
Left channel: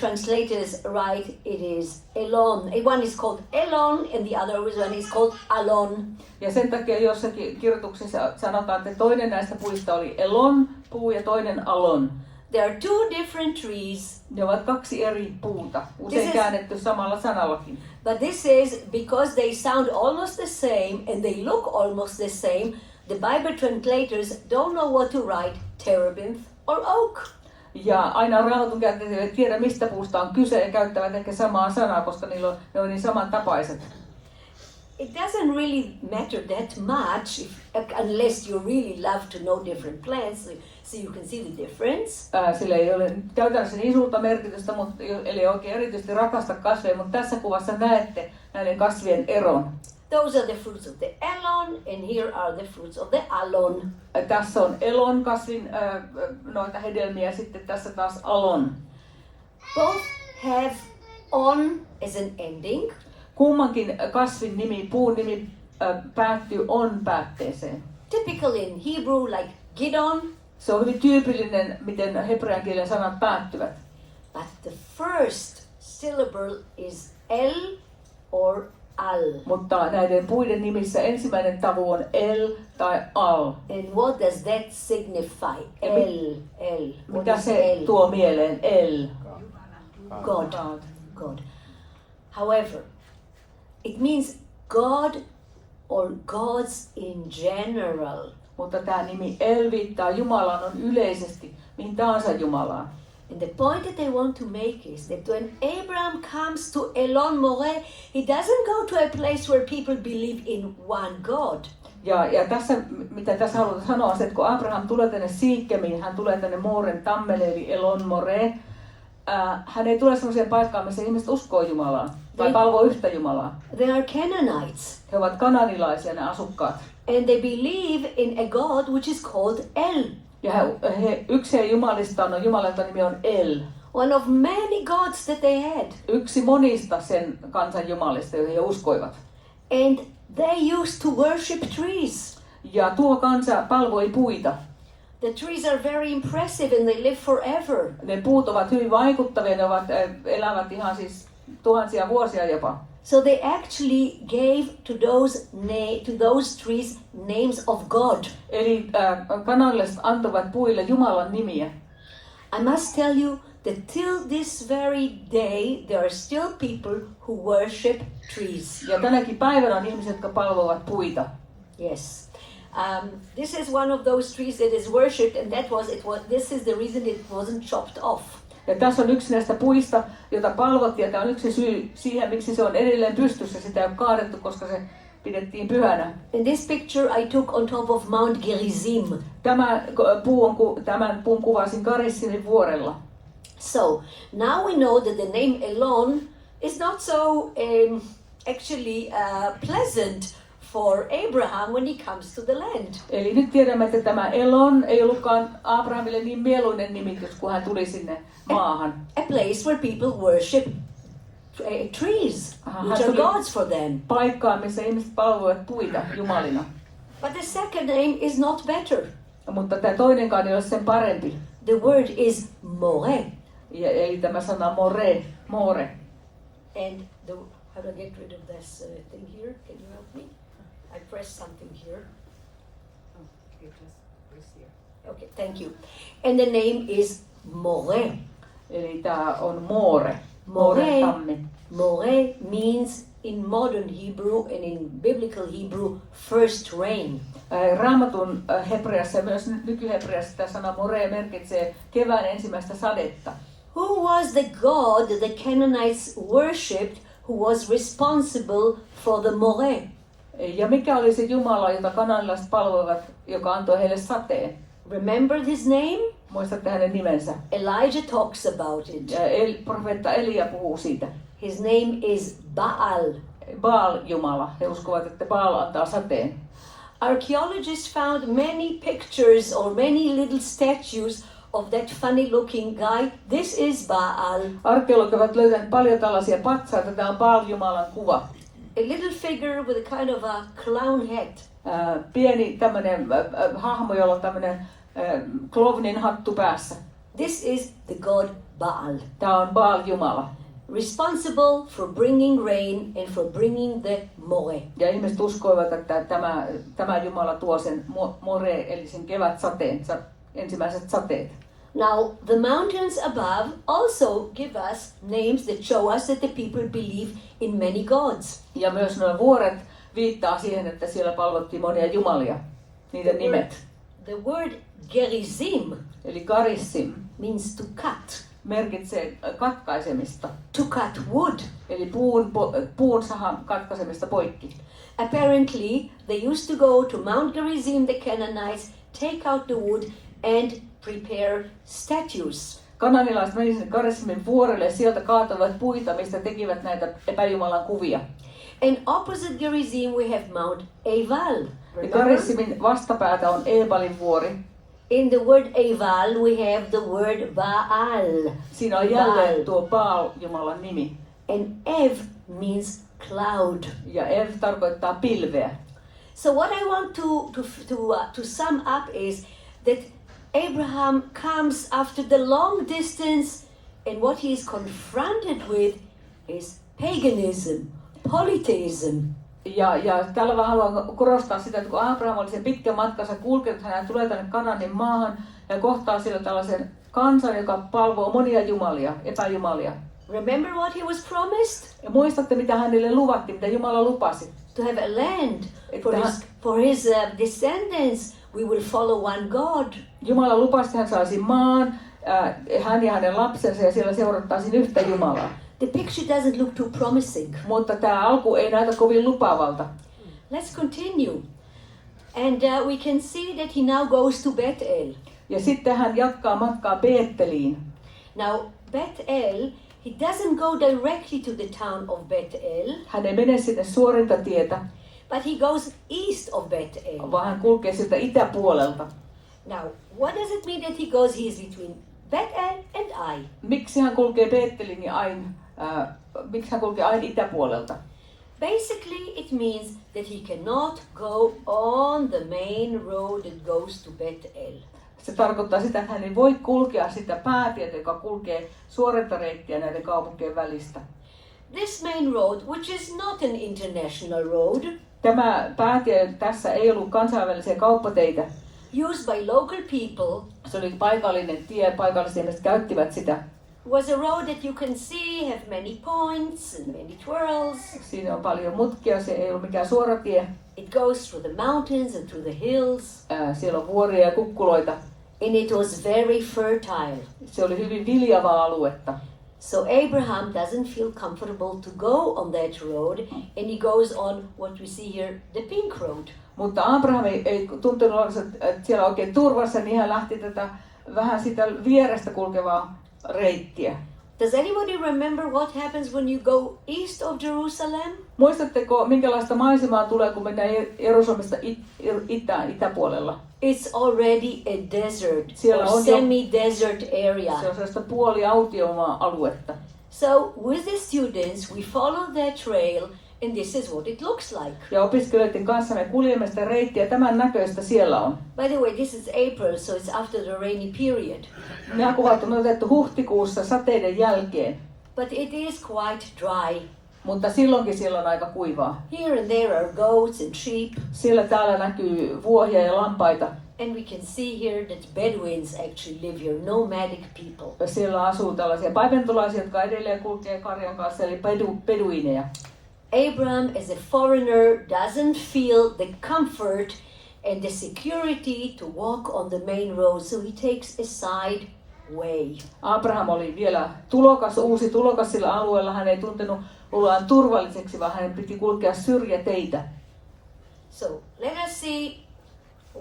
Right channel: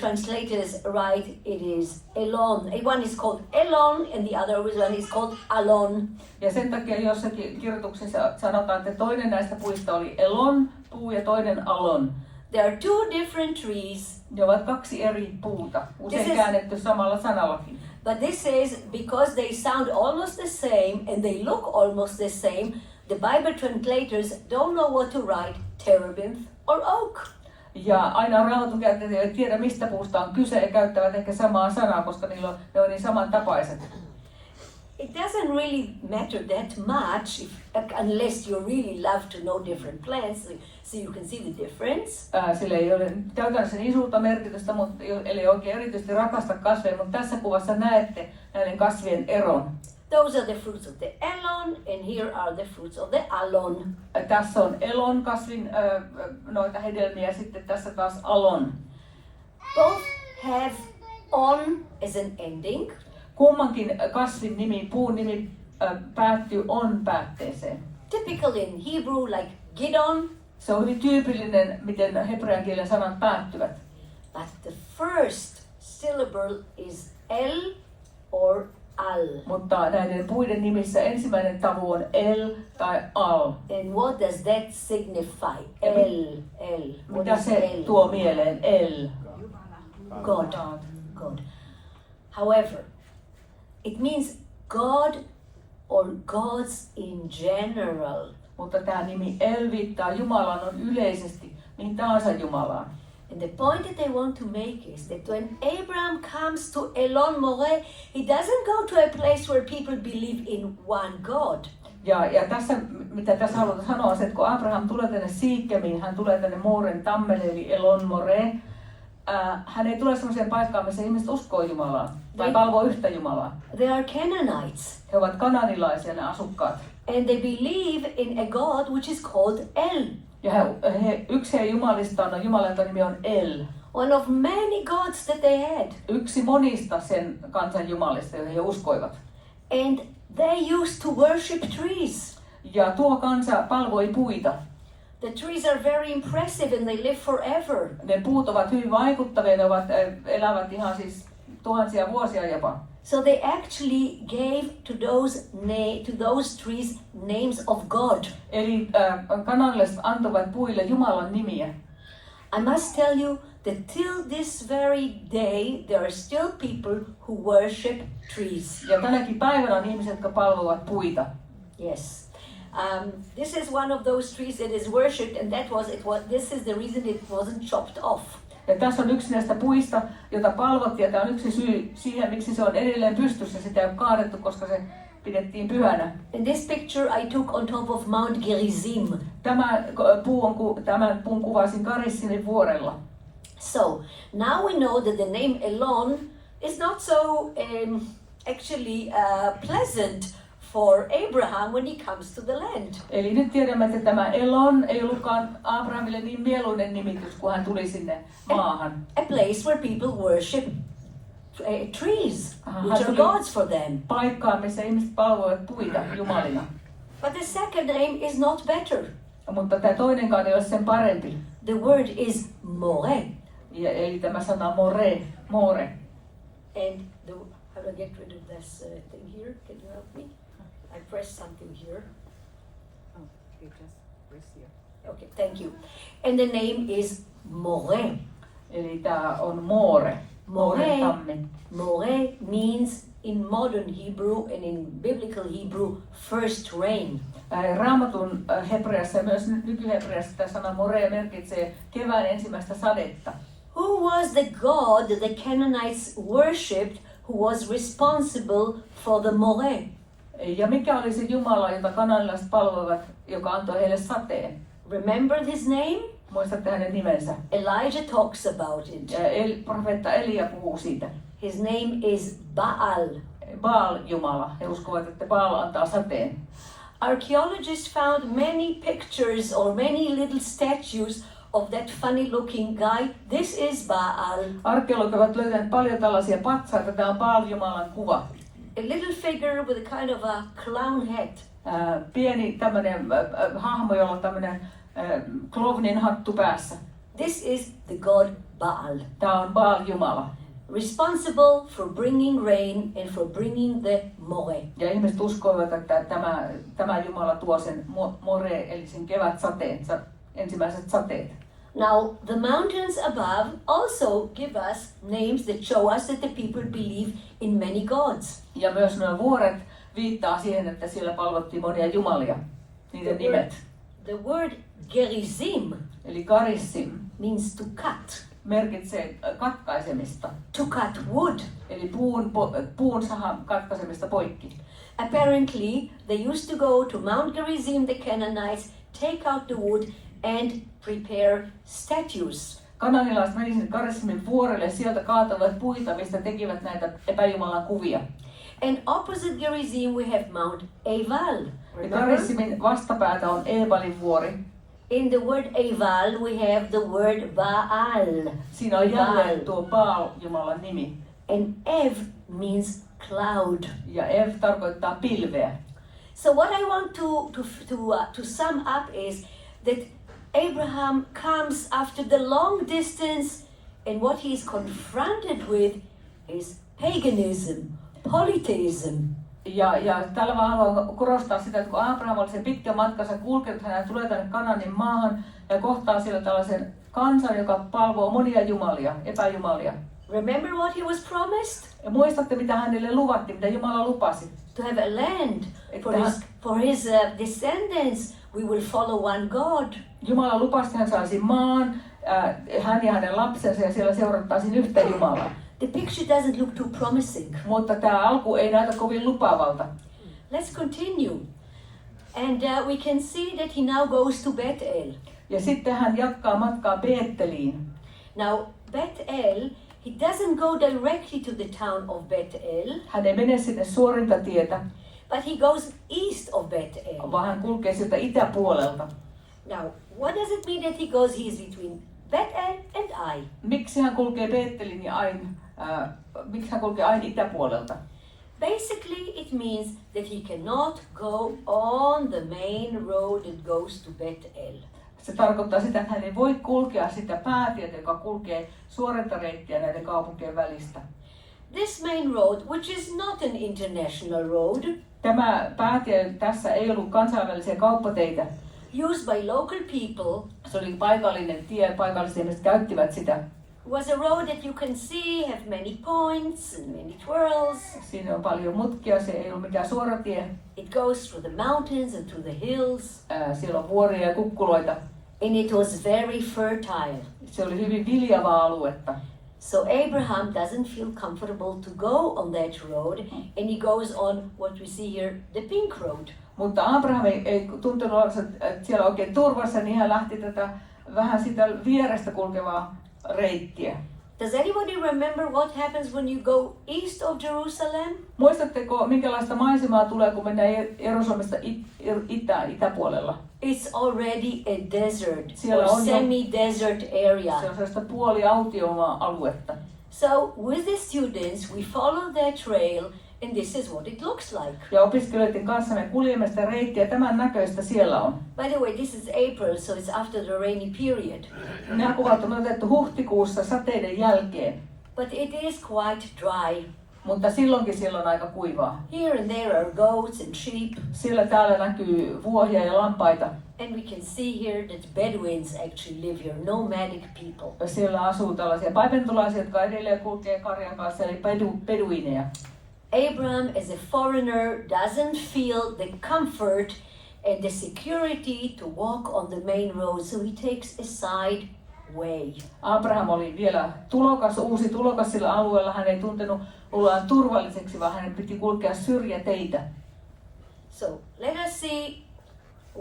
translators write it is Elon. One is called Elon and the other one is called Alon. Ja sen takia jossakin kirjoituksessa sanotaan, että toinen näistä puista oli elon puu ja toinen alon. There are two different trees. Ne ovat kaksi eri puuta, usein käännetty samalla sanallakin. But this is because they sound almost the same and they look almost the same. The Bible translators don't know what to write, terebinth or oak. Ja aina Raamatun käyttäjät eivät tiedä, mistä puusta on kyse ja käyttävät ehkä samaa sanaa, koska ne on niin samantapaiset. It doesn't really matter that much unless you really love to know different plants, so you can see the difference. Sillä ei ole käytännössä niin suurta merkitystä, eli oikein erityisesti rakasta kasveja, mutta tässä kuvassa näette näiden kasvien eron. Those are the fruits of the elon, and here are the fruits of the alon. Tässä on elon kasvin noita hedelmiä, sitten tässä taas alon. Both have on as an ending. Kummankin kasvin nimi, puun nimi päättyy on päätteeseen. Typical in Hebrew, like Gidon. Se on hyvin tyypillinen, miten hebrean kielen sanat päättyvät. But the first syllable is el or al. Mutta näiden puiden nimissä ensimmäinen tavu on el tai al. And what does that signify? El. Mitä se tuo mieleen? El. God. However, it means God or gods in general. Mutta tämä nimi El viittaa Jumalaan on yleisesti mihin tahansa Jumalaan. And the point that I want to make is that when Abraham comes to Elon Moreh, he doesn't go to a place where people believe in one God. Ja tässä, mitä tässä haluan sanoa, on se, että kun Abraham tulee tänne Siikkemiin, hän tulee tänne Mooren tammelle, eli Elon Moreh, hän ei tule sellaiseen paikkaan, missä ihmiset uskoo Jumalaan tai palvoo yhtä Jumalaa. They are Canaanites. He ovat kananilaisia, ne asukkaat. And they believe in a God which is called El. Ja yksi jumalista on Jumalan nimi on El. One of many gods that they had. Yksi monista sen kansan jumalista, joihin he uskoivat. And they used to worship trees. Ja tuo kansa palvoi puita. The trees are very impressive and they live forever. Ne puut ovat hyvin vaikuttavia, ne elävät ihan siis tuhansia vuosia jopa. So they actually gave to those trees names of God. Eli kanalaiset antoivat puille Jumalan nimiä. I must tell you that till this very day there are still people who worship trees. Ja tänäkin päivänä on ihmiset, jotka palvovat puita. Yes. This is one of those trees that is worshipped, and this is the reason it wasn't chopped off. Ja tässä on yksi näistä puista, jota palvottiin, ja tämä on yksi syy siihen, miksi se on edelleen pystyssä. Sitä ei ole kaadettu, koska se pidettiin pyhänä. In this picture I took on top of Mount Gerizim. Tämän puun kuvasin Gerizimin vuorella. So, now we know that the name Elon is not so actually pleasant for Abraham when he comes to the land. Eli nyt tiedämme, että tämä Elon ei ollutkaan Abrahamille niin mieluinen nimitys, kun hän tuli sinne maahan. A place where people worship trees, which are gods for them. Paikkaan, missä ihmiset palvoivat puita jumalina. But the second name is not better. Mutta tämä toinenkaan ei ole sen parempi. The word is more. Eli tämä sana more. And how do I get rid of this thing here? Can you help me? I press something here. Oh, you just press here. Okay, thank you. And the name is more. Eli tämä on more. More means in modern Hebrew and in biblical Hebrew first rain. Raamatun hebreassa ja myös nykyhebreassa tämä sana more merkitsee kevään ensimmäistä sadetta. Who was the God that the Canaanites worshipped who was responsible for the more? Ja mikä oli se Jumala, jota kananilaiset palvoivat, joka antoi heille sateen? Remember his name? Muistatte hänen nimensä? Elijah talks about it. Profeetta Elia puhuu siitä. His name is Baal. Baal-jumala. He uskovat, että Baal antaa sateen. Archaeologists found many pictures or many little statues of that funny looking guy. This is Baal. Arkeologit ovat löytäneet paljon tällaisia patsaita. Tämä on Baal-jumalan kuva. A little figure with a kind of a clown hat. Pieni tämmöinen hahmo, jolla on tämmöinen klovnin hattu päässä. This is the god Baal. Tämä on Baal-jumala. Responsible for bringing rain and for bringing the moe. Ja ihmiset uskoivat, että tämä jumala tuo sen more, eli sen kevätsateen, ensimmäiset sateet. Now, the mountains above also give us names that show us that the people believe in many gods. Ja myös nuo vuoret viittaa siihen, että siellä palvottiin monia jumalia, niiden nimet. The word gerizim, eli garissim, means to cut. Merkitsee katkaisemista. To cut wood. Eli puun sahan katkaisemista poikki. Apparently, they used to go to Mount Gerizim, the Canaanites, take out the wood and prepare statues. Kananilaiset menisivät sinne Gerizzimin vuorelle, sieltä kaatoivat puita, mistä tekivät näitä epäjumalan kuvia. And opposite Gerizim we have Mount Eval. Gerizzimin vastapäätä on Ebalin vuori. In the word Eval we have the word Baal. Siinä on jälleen tuo Baal-jumalan nimi. And Ev means cloud. Ja Ev tarkoittaa pilveä. So what I want to sum up is that Abraham comes after the long distance, and what he is confronted with is paganism, polytheism. Ja tällä vaan haluan korostaa sitä, että kun Aabraham oli sen pitkän matkansa kulkenut, hän tulee tänne Kananin maahan ja kohtaa siellä tällaisen kansan, joka palvoo monia jumalia, epäjumalia. Remember what he was promised? Ja muistatte, mitä hänelle luvattiin, mitä Jumala lupasi? To have a land for his descendants. We will follow one God. Jumala lupasi, että hän saisi maan, hän ja hänen lapsensa, ja siellä seurattaisiin yhtä Jumalaa. The picture doesn't look too promising. Mutta tämä alku ei näytä kovin lupaavalta. Let's continue. And we can see that he now goes to Bethel. Ja sitten hän jatkaa matkaa Beetteliin. Now Bethel, he doesn't go directly to the town of Bethel. Hän ei mene sinne suorinta tietä. But he goes east of Bethel. Vaan hän kulkee sieltä itäpuolelta. Now, what does it mean that he goes? He's between Bethel and Ai. Miksi hän kulkee Beettelin ja Ain? Miksi hän kulkee Ain itäpuolelta? Basically, it means that he cannot go on the main road that goes to Bethel. Se tarkoittaa sitä, että hän ei voi kulkea sitä päätietä, joka kulkee suorinta reittiä näiden kaupunkien välistä. This main road, which is not an international road, tämä päätie tässä ei ollut kansainvälisiä kauppateitä. Used by local people. Se oli paikallinen tie, paikalliset ihmiset käyttivät sitä. Was a road that you can see have many points and many twirls. Siinä on paljon mutkia, se ei ollut mikään suora tie. It goes through the mountains and through the hills. Siellä on vuoria ja kukkuloita. And it was very fertile. Se oli hyvin viljavaa aluetta. So Abraham doesn't feel comfortable to go on that road, and he goes on what we see here, the pink road. Mutta Abraham ei tuntunut olevansa siellä oikein turvassa, niin hän lähti tätä vähän sitä vierestä kulkevaa reittiä. Does anybody remember what happens when you go east of Jerusalem? Muistatteko, minkälaista maisemaa tulee, kun mennään Jerusalemista itäpuolella? It's already a desert, Siellä or on semi-desert area. Se on sellaista puoliautiomaa aluetta. So with the students, we follow that trail, and this is what it looks like. Ja opiskelijoiden kanssa me kuljemme sitä reittiä, tämän näköistä siellä on. By the way, this is April, so it's after the rainy period. Nämä kuvat on otettu huhtikuussa sateiden jälkeen. But it is quite dry. Mutta silloinkin siellä on aika kuivaa. Here and there are goats and sheep. Siellä täällä näkyy vuohia ja lampaita. And we can see here that Bedouins actually live here, nomadic people. Siellä asuu tällaisia paipentulaisia, jotka edelleen kulkee karjan kanssa, eli beduineja. Abraham, as a foreigner, doesn't feel the comfort and the security to walk on the main road, so he takes a side way. Abraham oli vielä uusi tulokas sillä alueella. Hän ei tuntenut oloaan turvalliseksi, vaan hänen piti kulkea syrjäteitä. So let us see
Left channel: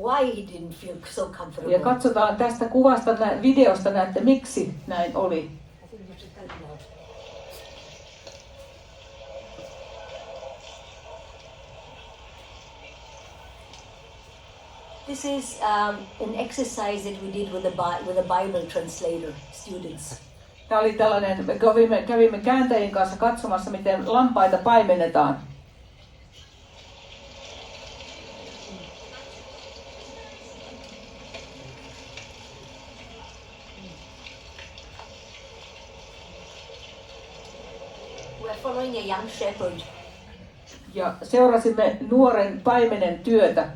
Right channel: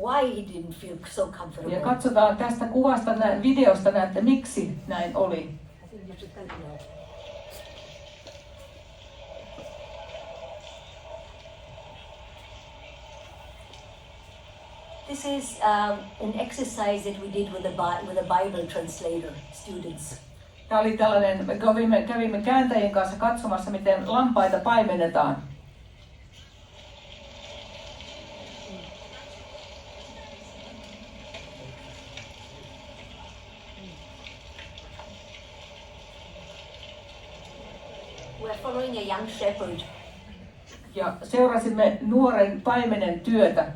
why he didn't feel so comfortable. Ja katsotaan tästä kuvasta, videosta näette, miksi näin oli. I think you should help me out. This is an exercise that we did with a Bible translator, students. Tämä oli tällainen, me kävimme kääntäjien kanssa katsomassa, miten lampaita paimennetaan. We're following a young shepherd. Ja seurasimme nuoren paimenen työtä.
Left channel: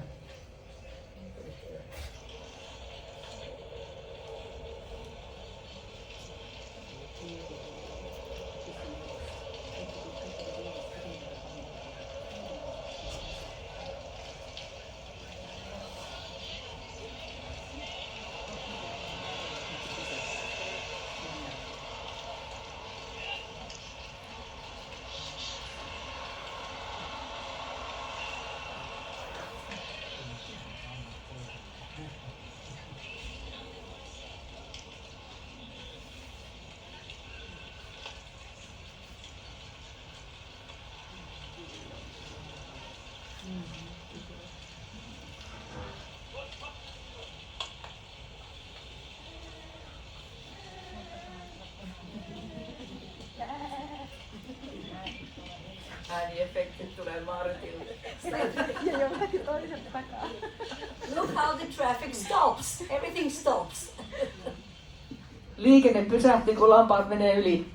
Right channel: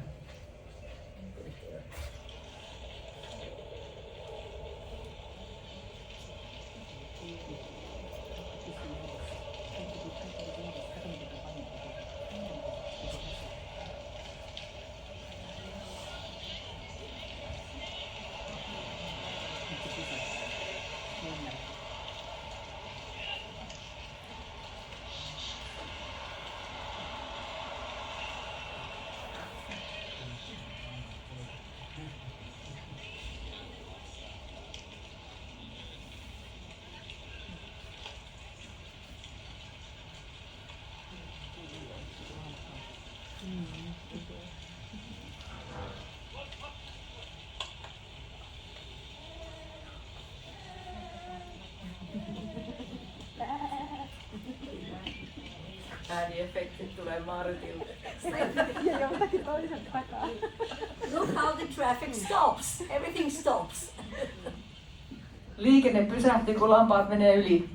Ääniefektit tulee Martille. Look how the traffic stops. Everything stops. Liikenne pysähtyy, kun lampaat menee yli.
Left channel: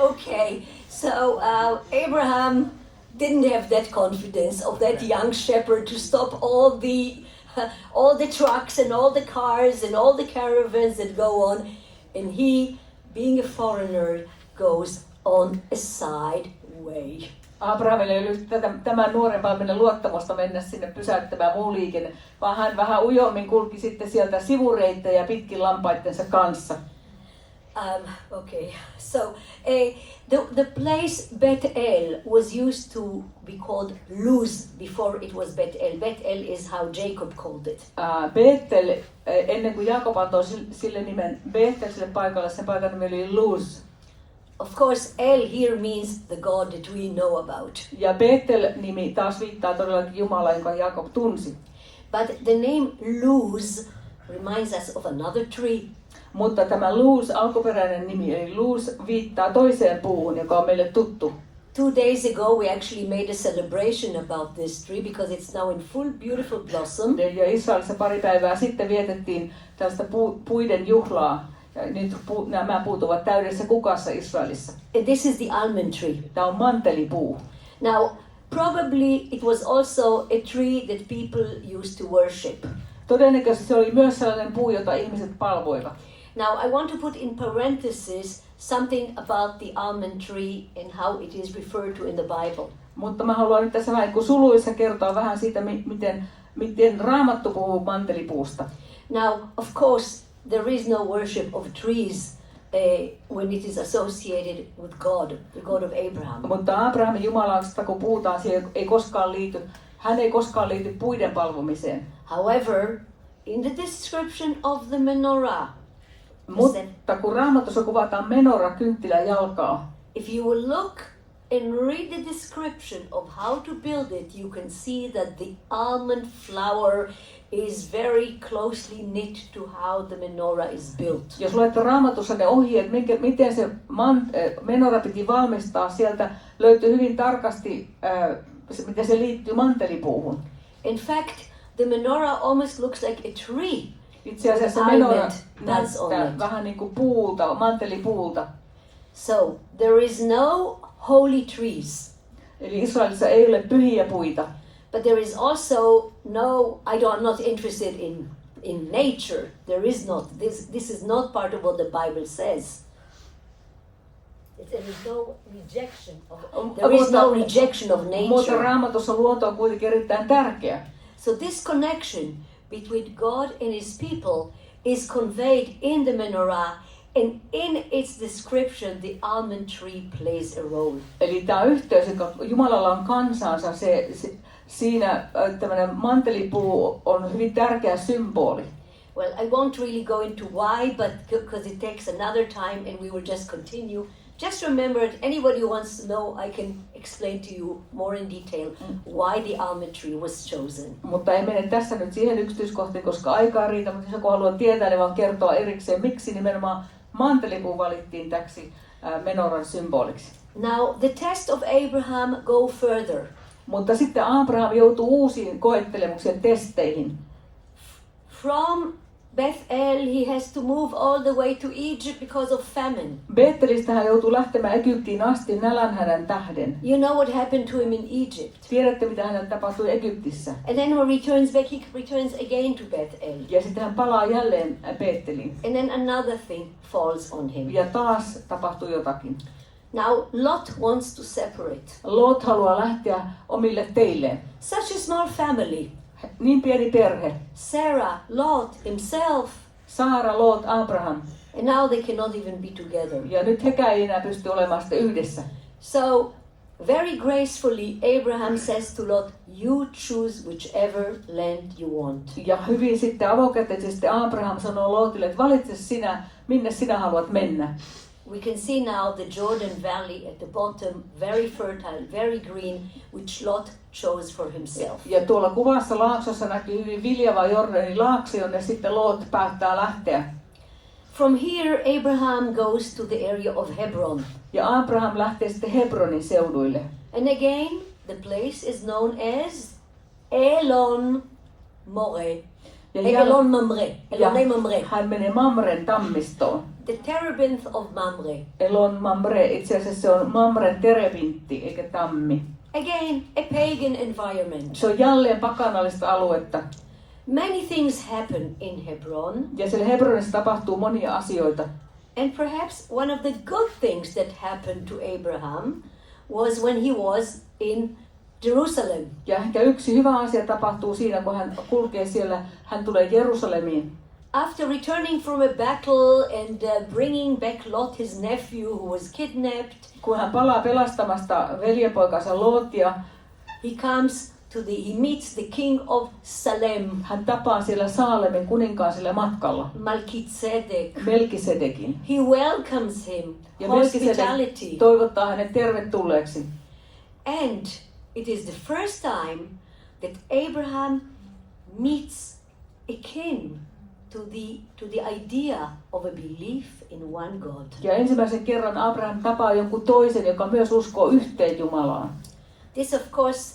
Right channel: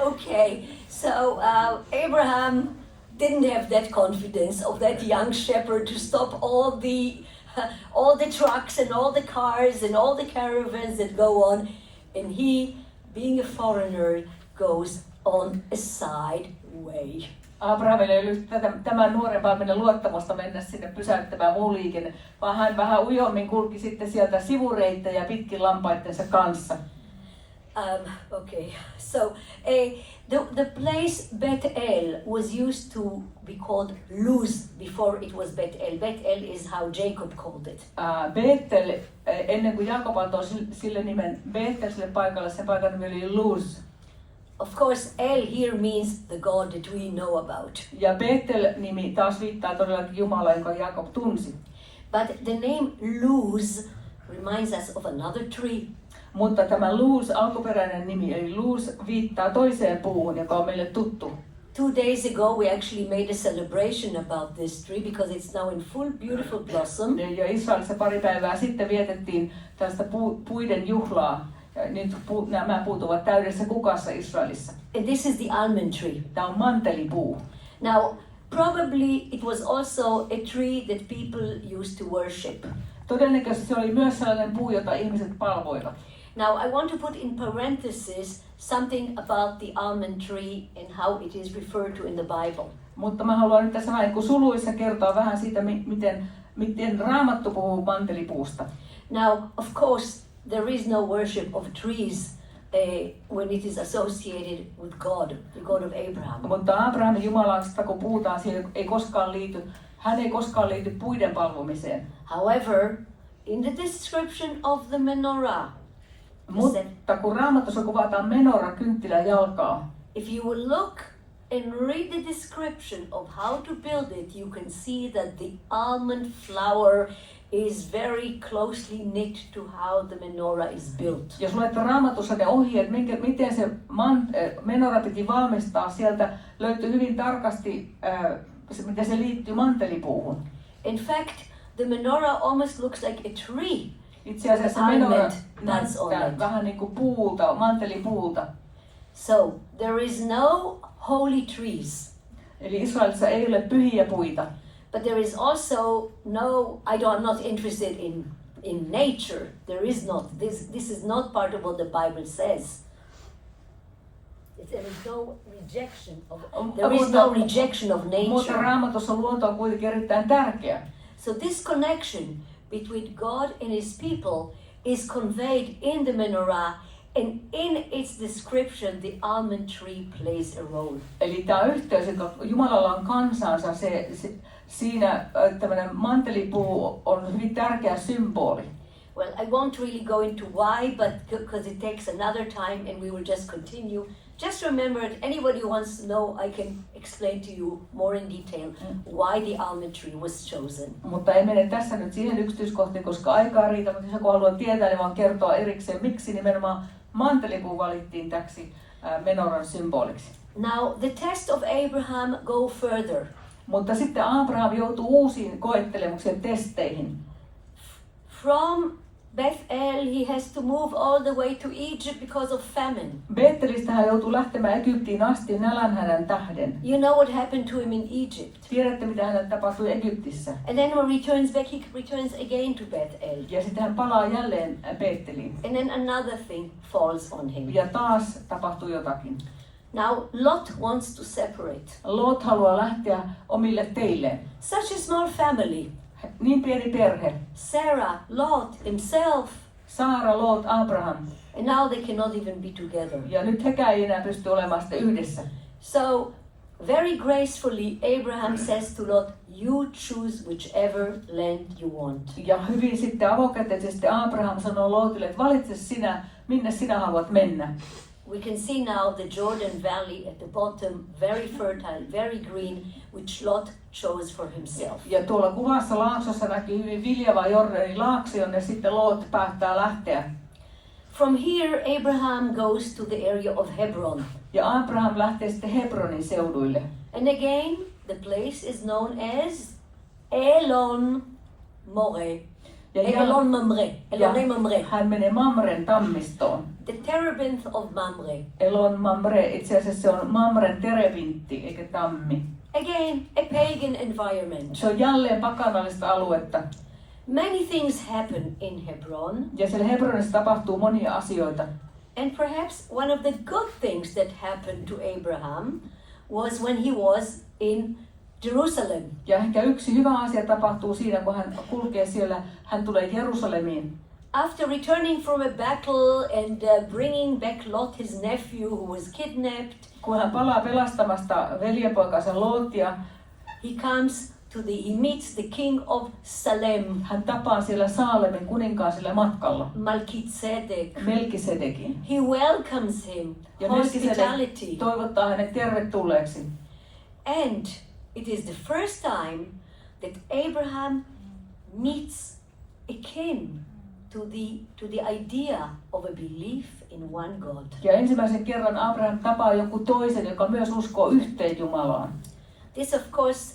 Okay, so Abraham didn't have that confidence of that young shepherd to stop all the trucks and all the cars and all the caravans that go on, and he, being a foreigner, goes on a side way. Aabrahamille ei ollut tämän nuoren paimenen luottamusta mennä sinne pysäyttämään muu liikenne, vaan hän vähän ujommin kulki sitten sieltä sivureittejä pitkin lampaittensa kanssa. Okay, so the place Bethel was used to be called Luz before it was Bethel. Bethel is how Jacob called it. Bethel, ennen kuin Jaakob antoi sille nimen Bethel sille paikalle, sen paikan nimi oli Luz. Of course, El here means the God that we know about. Ja Bethel-nimi taas viittaa todellakin Jumalaa, jonka Jaakob tunsi. But the name Luz reminds us of another tree. Mutta tämä Luz, alkuperäinen nimi, eli Luz viittaa toiseen puuhun, joka on meille tuttu. 2 days ago we actually made a celebration about this tree because it's now in full beautiful blossom. Ja Israelissa pari päivää sitten vietettiin tällaista puiden juhlaa. Ja nyt nämä puut ovat täydessä kukassa Israelissa. And this is the almond tree. Tämä on mantelipuu. Now, probably it was also a tree that people used to worship. Todennäköisesti se oli myös sellainen puu, jota ihmiset palvoivat. Now, I want to put in parentheses something about the almond tree and how it is referred to in the Bible. Mutta mä haluan nyt tässä vähän suluissa kertoa vähän siitä, miten Raamattu puhuu mantelipuusta. Now, of course, there is no worship of trees when it is associated with God, the God of Abraham. Mutta Abrahamin Jumalasta, kun puhutaan, hän ei koskaan liity puiden palvomiseen. However, in the description of the menorah, mutta kun Raamatussa kuvataan menorah, kynttilä jalkaa, if you will look and read the description of how to build it, you can see that the almond flower is very closely knit to how the menorah is built. Jos luette Raamatussa ne ohjeet, miten se menorah piti valmistaa, sieltä löytyy hyvin tarkasti, miten se liittyy mantelipuuhun. In fact, the menorah almost looks like a tree. Itse asiassa menorah näyttää vähän niin kuin puuta, mantelipuuta. So, there is no holy trees. Eli Israelissa ei ole pyhiä puita. But there is also no, I'm not interested in nature. There is not. This is not part of what the Bible says. There is no rejection of Mutta nature. Raamatussa luonto on kuitenkin erittäin tärkeä. So this connection between God and His people is conveyed in the menorah, and in its description the almond tree plays a role. Eli tämä yhteys, joka Jumalalla on kansansa, siinä tämmöinen mantelipuu on hyvin tärkeä symboli. Well, I won't really go into why, but because it takes another time and we will just continue. Just remember that anybody who wants to know, I can explain to you more in detail why the almond tree was chosen. Mutta ei mene tässä nyt siihen yksityiskohtiin, koska aikaa riitä, mutta jos joku haluaa tietää, niin vaan kertoa erikseen, miksi nimenomaan mantelipuu valittiin täksi menoran symboliksi. Now, the test of Abraham go further. Mutta sitten Aabraham joutuu uusiin koettelemuksien testeihin. From Bethel, he has to move all the way to Egypt because of famine. Bethelistä hän joutuu lähtemään Egyptiin asti nälänhädän tähden. You know what happened to him in Egypt. Tiedätte, mitä hänelle tapahtui Egyptissä. And then when he returns back, he returns again to Bethel. Ja sitten hän palaa jälleen Betheliin. And then another thing falls on him. Ja taas tapahtuu jotakin. Now, Lot wants to separate. Lot haluaa lähteä omille teilleen. Such a small family. Niin pieni perhe. Sarah, Lot, himself. Saara, Lot, Abraham. And now they cannot even be together. Ja nyt hekään ei enää pysty olemaan sitten yhdessä. So, very gracefully, Abraham says to Lot, you choose whichever land you want. Ja hyvin sitten avokätisesti Abraham sanoo Lotille, että valitse sinä, minne sinä haluat mennä. We can see now the Jordan Valley at the bottom, very fertile, very green, which Lot chose for himself. Ja tuolla kuvassa laaksossa näkyy hyvin viljava Jordanin laakso, jonne sitten Lot päättää lähteä. From here, Abraham goes to the area of Hebron. Ja Abraham lähtee sitten Hebronin seuduille. And again, the place is known as Elon Moreh. Elon Mamre. Elon Mamre. Hän menee Mamren tammistoon. The terebinth of Mamre. Elon Mamre, itse asiassa se on Mamren terebintti, eikä tammi. Again, a pagan environment. Se on jälleen pakanallista aluetta. Many things happen in Hebron. Ja siellä Hebronissa tapahtuu monia asioita. And perhaps one of the good things that happened to Abraham was when he was in Jerusalem. Ja ehkä yksi hyvä asia tapahtuu siinä, kun hän kulkee siellä, hän tulee Jerusalemiin. After returning from a battle and bringing back Lot, his nephew, who was kidnapped, Kun hän palaa pelastamasta veljepoikansa Lotia, he meets the king of Salem, hän tapaa siellä Saalemin kuninkaan sillä matkalla, Melchizedek. Melkisedekin. He welcomes him, Ja hospitality. Melkisedek toivottaa hänet tervetulleeksi. And it is the first time that Abraham meets a kin to the idea of a belief in one God. Ja ensimmäisen kerran Abraham tapaa jonkun toisen, joka myös uskoo yhteen Jumalaan. This of course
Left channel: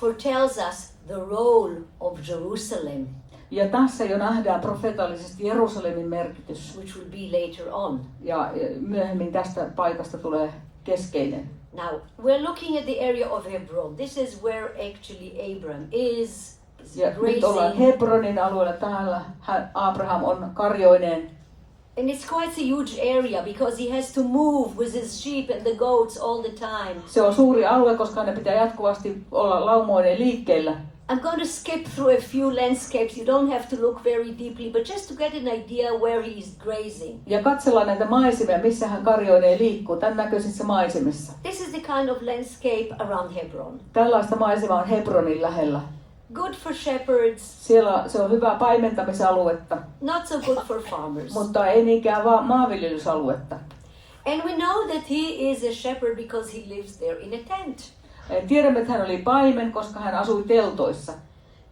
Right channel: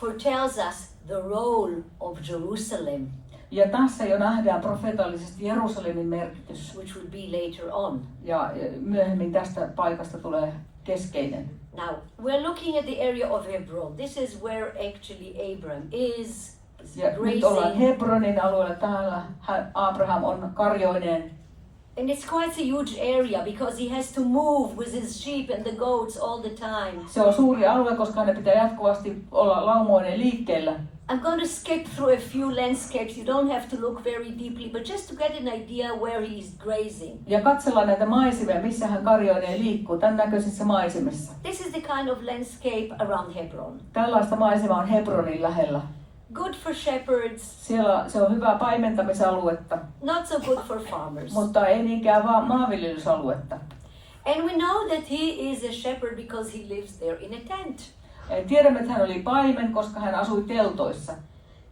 foretells us the role of Jerusalem, Ja tässä jo nähdään profeetallisesti Jerusalemin merkitys. which will be later on. Ja myöhemmin tästä paikasta tulee keskeinen. Now, we're looking at the area of Hebron. This is where actually Abraham is Ja nyt ollaan grazing. Hebronin alueella, täällä Abraham on karjoineen. And it's quite a huge area because he has to move with his sheep and the goats all the time. Se on suuri alue, koska hänen pitää jatkuvasti olla laumoinen liikkeellä. I'm going to skip through a few landscapes. You don't have to look very deeply, but just to get an idea where he is grazing. Ja katsellaan näitä maisemia, missä hän karjoineen liikkuu, tämän näköisissä maisemissa. This is the kind of landscape around Hebron. Tällaista maisemaa on Hebronin lähellä. Good for shepherds, Siellä se on hyvää paimentamisaluetta, not so good for farmers. mutta ei niinkään vaan maanviljelysaluetta. And we know that he is a shepherd because he lives there in a tent. Tiedämme, että hän oli paimen, koska hän asui teltoissa.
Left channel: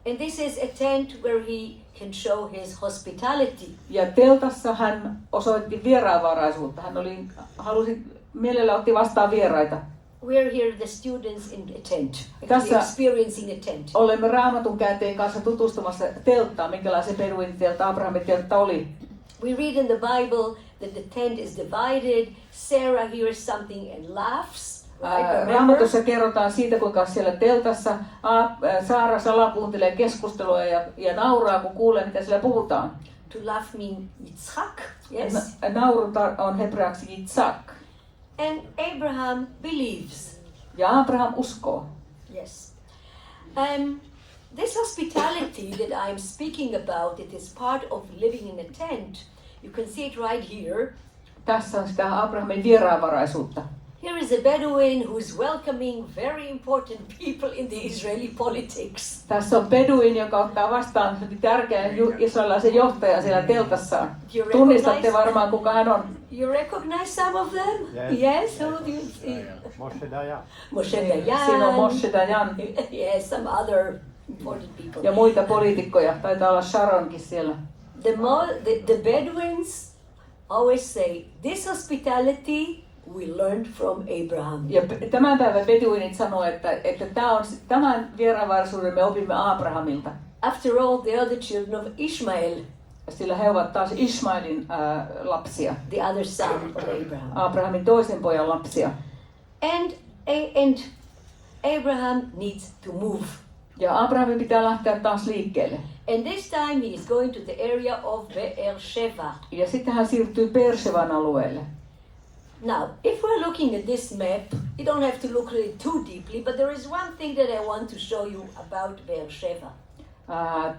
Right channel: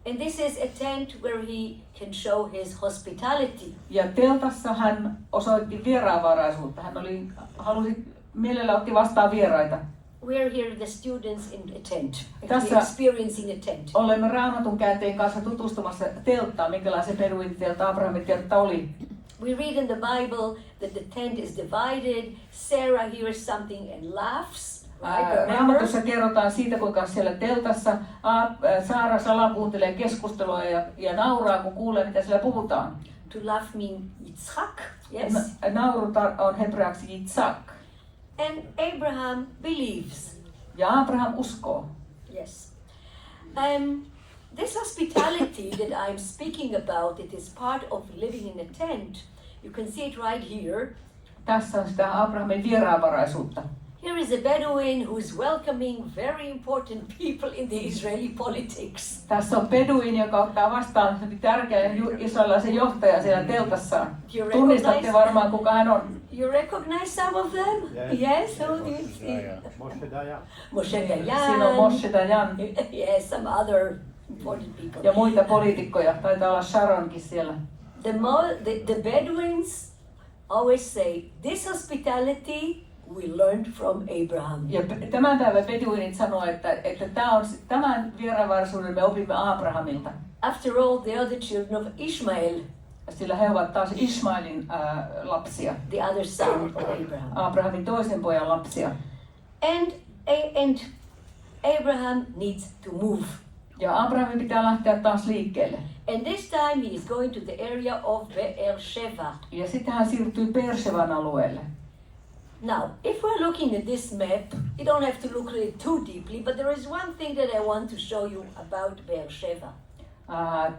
And this is a tent where he can show his hospitality. Ja teltassa hän osoitti vieraanvaraisuutta. Hän mielellä otti vastaan vieraita. We're here the students in a tent, Tässä experiencing a tent. olemme Raamatun käänteen kanssa tutustumassa telttaan, minkälaisen peruin teltta Abrahamin teltta oli. We read in the Bible that the tent is divided. Sarah hears something and laughs. Raamatussa kerrotaan siitä, kuinka siellä teltassa Saara salakuuntelee keskustelua ja nauraa, kun kuulee, mitä siellä puhutaan. To laugh means Yitzchak. Yes. Nauru on hebraaksi Yitzhak. And Abraham believes. Ja Abraham uskoo. Yes. This hospitality that I'm speaking about, it is part of living in a tent. You can see it right here. Tässä on sitä Abrahamin vieraanvaraisuutta. Here is a Bedouin who is welcoming very important people in the Israeli politics. Tässä on beduin, joka ottaa vastaan tärkeän israelilaisen johtajan siellä teltassaan. Tunnistatte varmaan, kuka hän on. You recognize some of them? Yes. Who do you see? Moshe Dayan. Siinä on Moshe Dayan. Yes, some other important people. Ja muita poliitikkoja. Taitaa olla Sharonkin siellä. The Bedouins always say, this hospitality we learned from Abraham. Ja tämän päivän beduinit sanoo, että tämän vieraanvaraisuuden me opimme Aabrahamilta. After all, they are the children of Ishmael. Sillä he ovat taas Ishmaelin lapsia. The other son of Abraham. Abrahamin toisen pojan lapsia. And Abraham needs to move. Ja Abrahamin pitää lähteä taas liikkeelle. And this time he is going to the area of Beersheba. Ja sitten hän siirtyy Beersheban alueelle. Now, if we're looking at this map, you don't have to look at it too deeply, but there is one thing that I want to show you about Beersheba.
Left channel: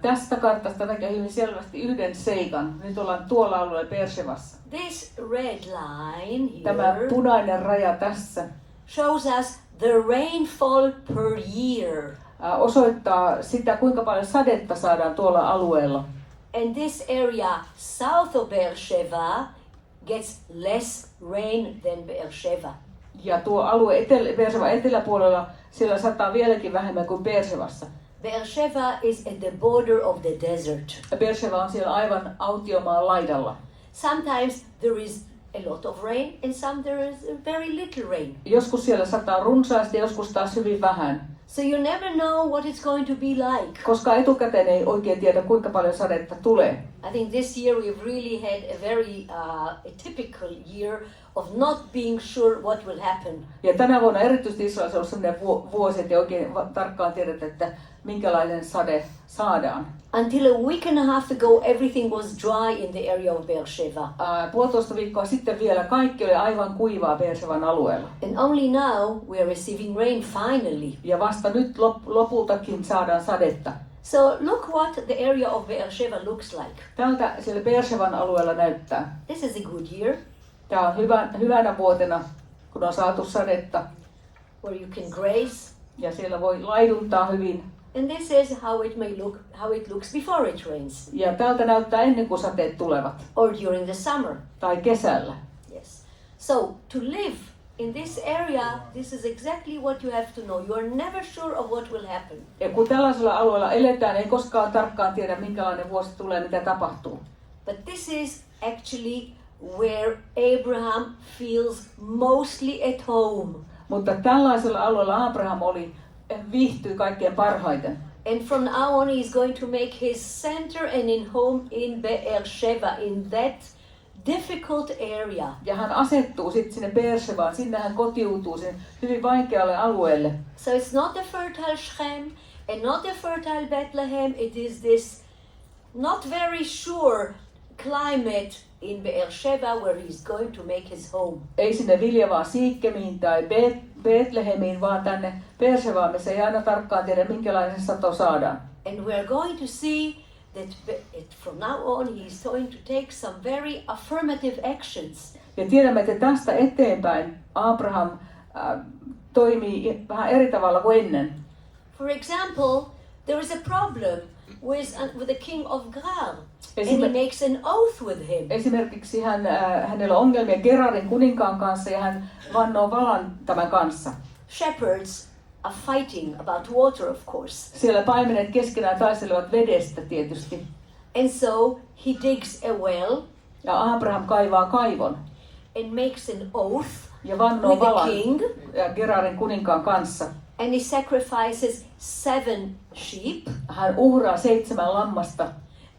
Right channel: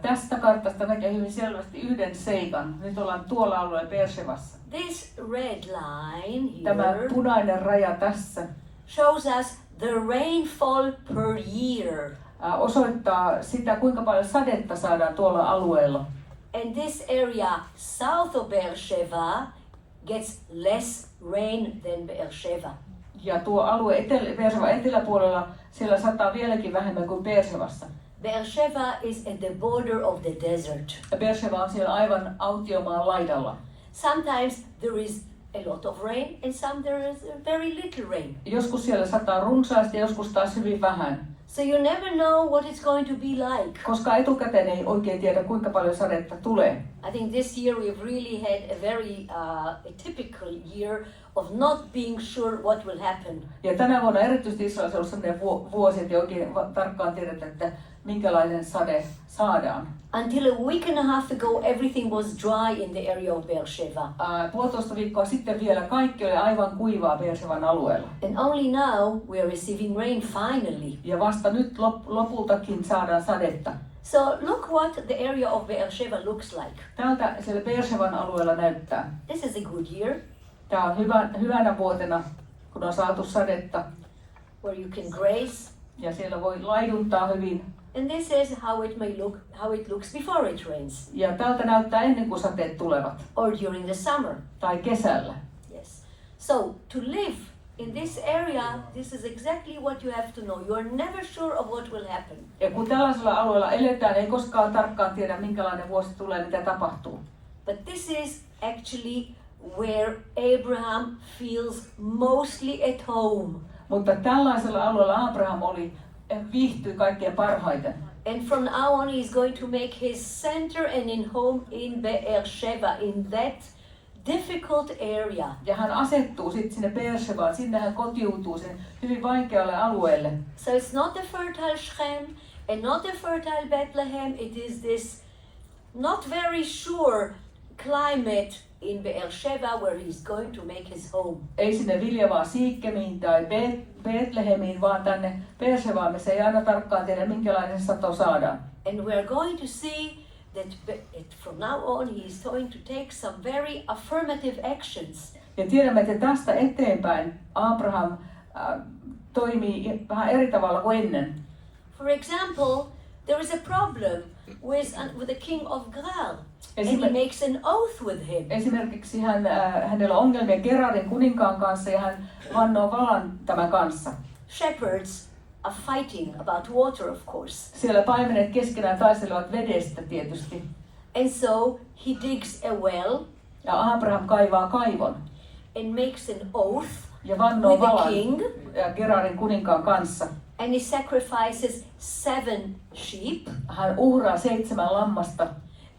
Tästä kartasta näkee hyvin selvästi yhden seikan. Nyt ollaan tuolla alueella Beershebassa. This red line Tämä here punainen raja tässä shows us the rainfall per year. Osoittaa sitä, kuinka paljon sadetta saadaan tuolla alueella. And this area south of Beersheba gets less rain than Beersheba. Ja tuo alue Beersheban eteläpuolella, siellä sataa vieläkin vähemmän kuin Beershebassa. Beersheba is at the border of the desert. Beersheba on siellä aivan autiomaan laidalla. Sometimes there is a lot of rain and some there is very little rain. Joskus siellä sataa runsaasti ja joskus taas hyvin vähän. So you never know what it's going to be like. Koska etukäteen ei oikein tiedä, kuinka paljon sadetta tulee. I think this year we've really had a very atypical year of not being sure what will happen. Ja tänä vuonna erityisesti Israelissa on ollut sellainen vuosi, että ei oikein tarkkaan tiedetä, että minkälainen sade saadaan. Until a week and a half ago, everything was dry in the area of Beersheba. Puolitoista viikkoa sitten vielä kaikki oli aivan kuivaa Beersheban alueella. And only now we are receiving rain finally. Ja vasta nyt lopultakin saadaan sadetta. So look what the area of Beersheba looks like. Tältä siellä Beersheban alueella näyttää. This is a good year. Tämä on hyvänä vuotena, kun on saatu sadetta. Where you can graze. Ja siellä voi laiduntaa hyvin. And this is how it looks before it rains. Ja tältä näyttää ennen kuin sateet tulevat. Or during the summer. Tai kesällä. Yes. So to live in this area, this is exactly what you have to know. You are never sure of what will happen. Ja kun tällaisella alueella eletään, ei koskaan tarkkaan tiedä, minkälainen vuosi tulee, mitä tapahtuu. But this is actually where Abraham feels mostly at home. Mutta tällaisella alueella Abraham viihtyi kaikkein parhaiten. And from now on he is going to make his center and in home in Beersheba, in that difficult area. Ja hän asettuu sitten sinne Beershebaan, sinne hän kotiutuu sen hyvin vaikealle alueelle. So it's not a fertile Shechem and not a fertile Bethlehem, it is this not very sure climate in Beersheba where he's going to make his home. Ei sinne viljavaa Siikkemiin tai Betlehemiin, vaan tänne Beershebaan, missä ei aina tarkkaan tiedä, minkälainen sato saadaan. And we're going to see that from now on he is going to take some very affirmative actions. Ja tiedämme, että tästä eteenpäin Abraham toimii vähän eri tavalla kuin ennen. For example, there is a problem with the king of Gerar, and he makes an oath with him. Esimerkiksi hänellä on ongelmia Gerarin kuninkaan kanssa ja hän vannoo valan tämän kanssa. Shepherds are fighting about water, of course. Siellä paimenet keskenään taistelevat vedestä tietysti. And so he digs a well. Ja Abraham kaivaa kaivon. And makes an oath ja vannoo with the valan king. Ja Gerarin kuninkaan kanssa. And he sacrifices 7 sheep. Hän uhraa 7 lammasta.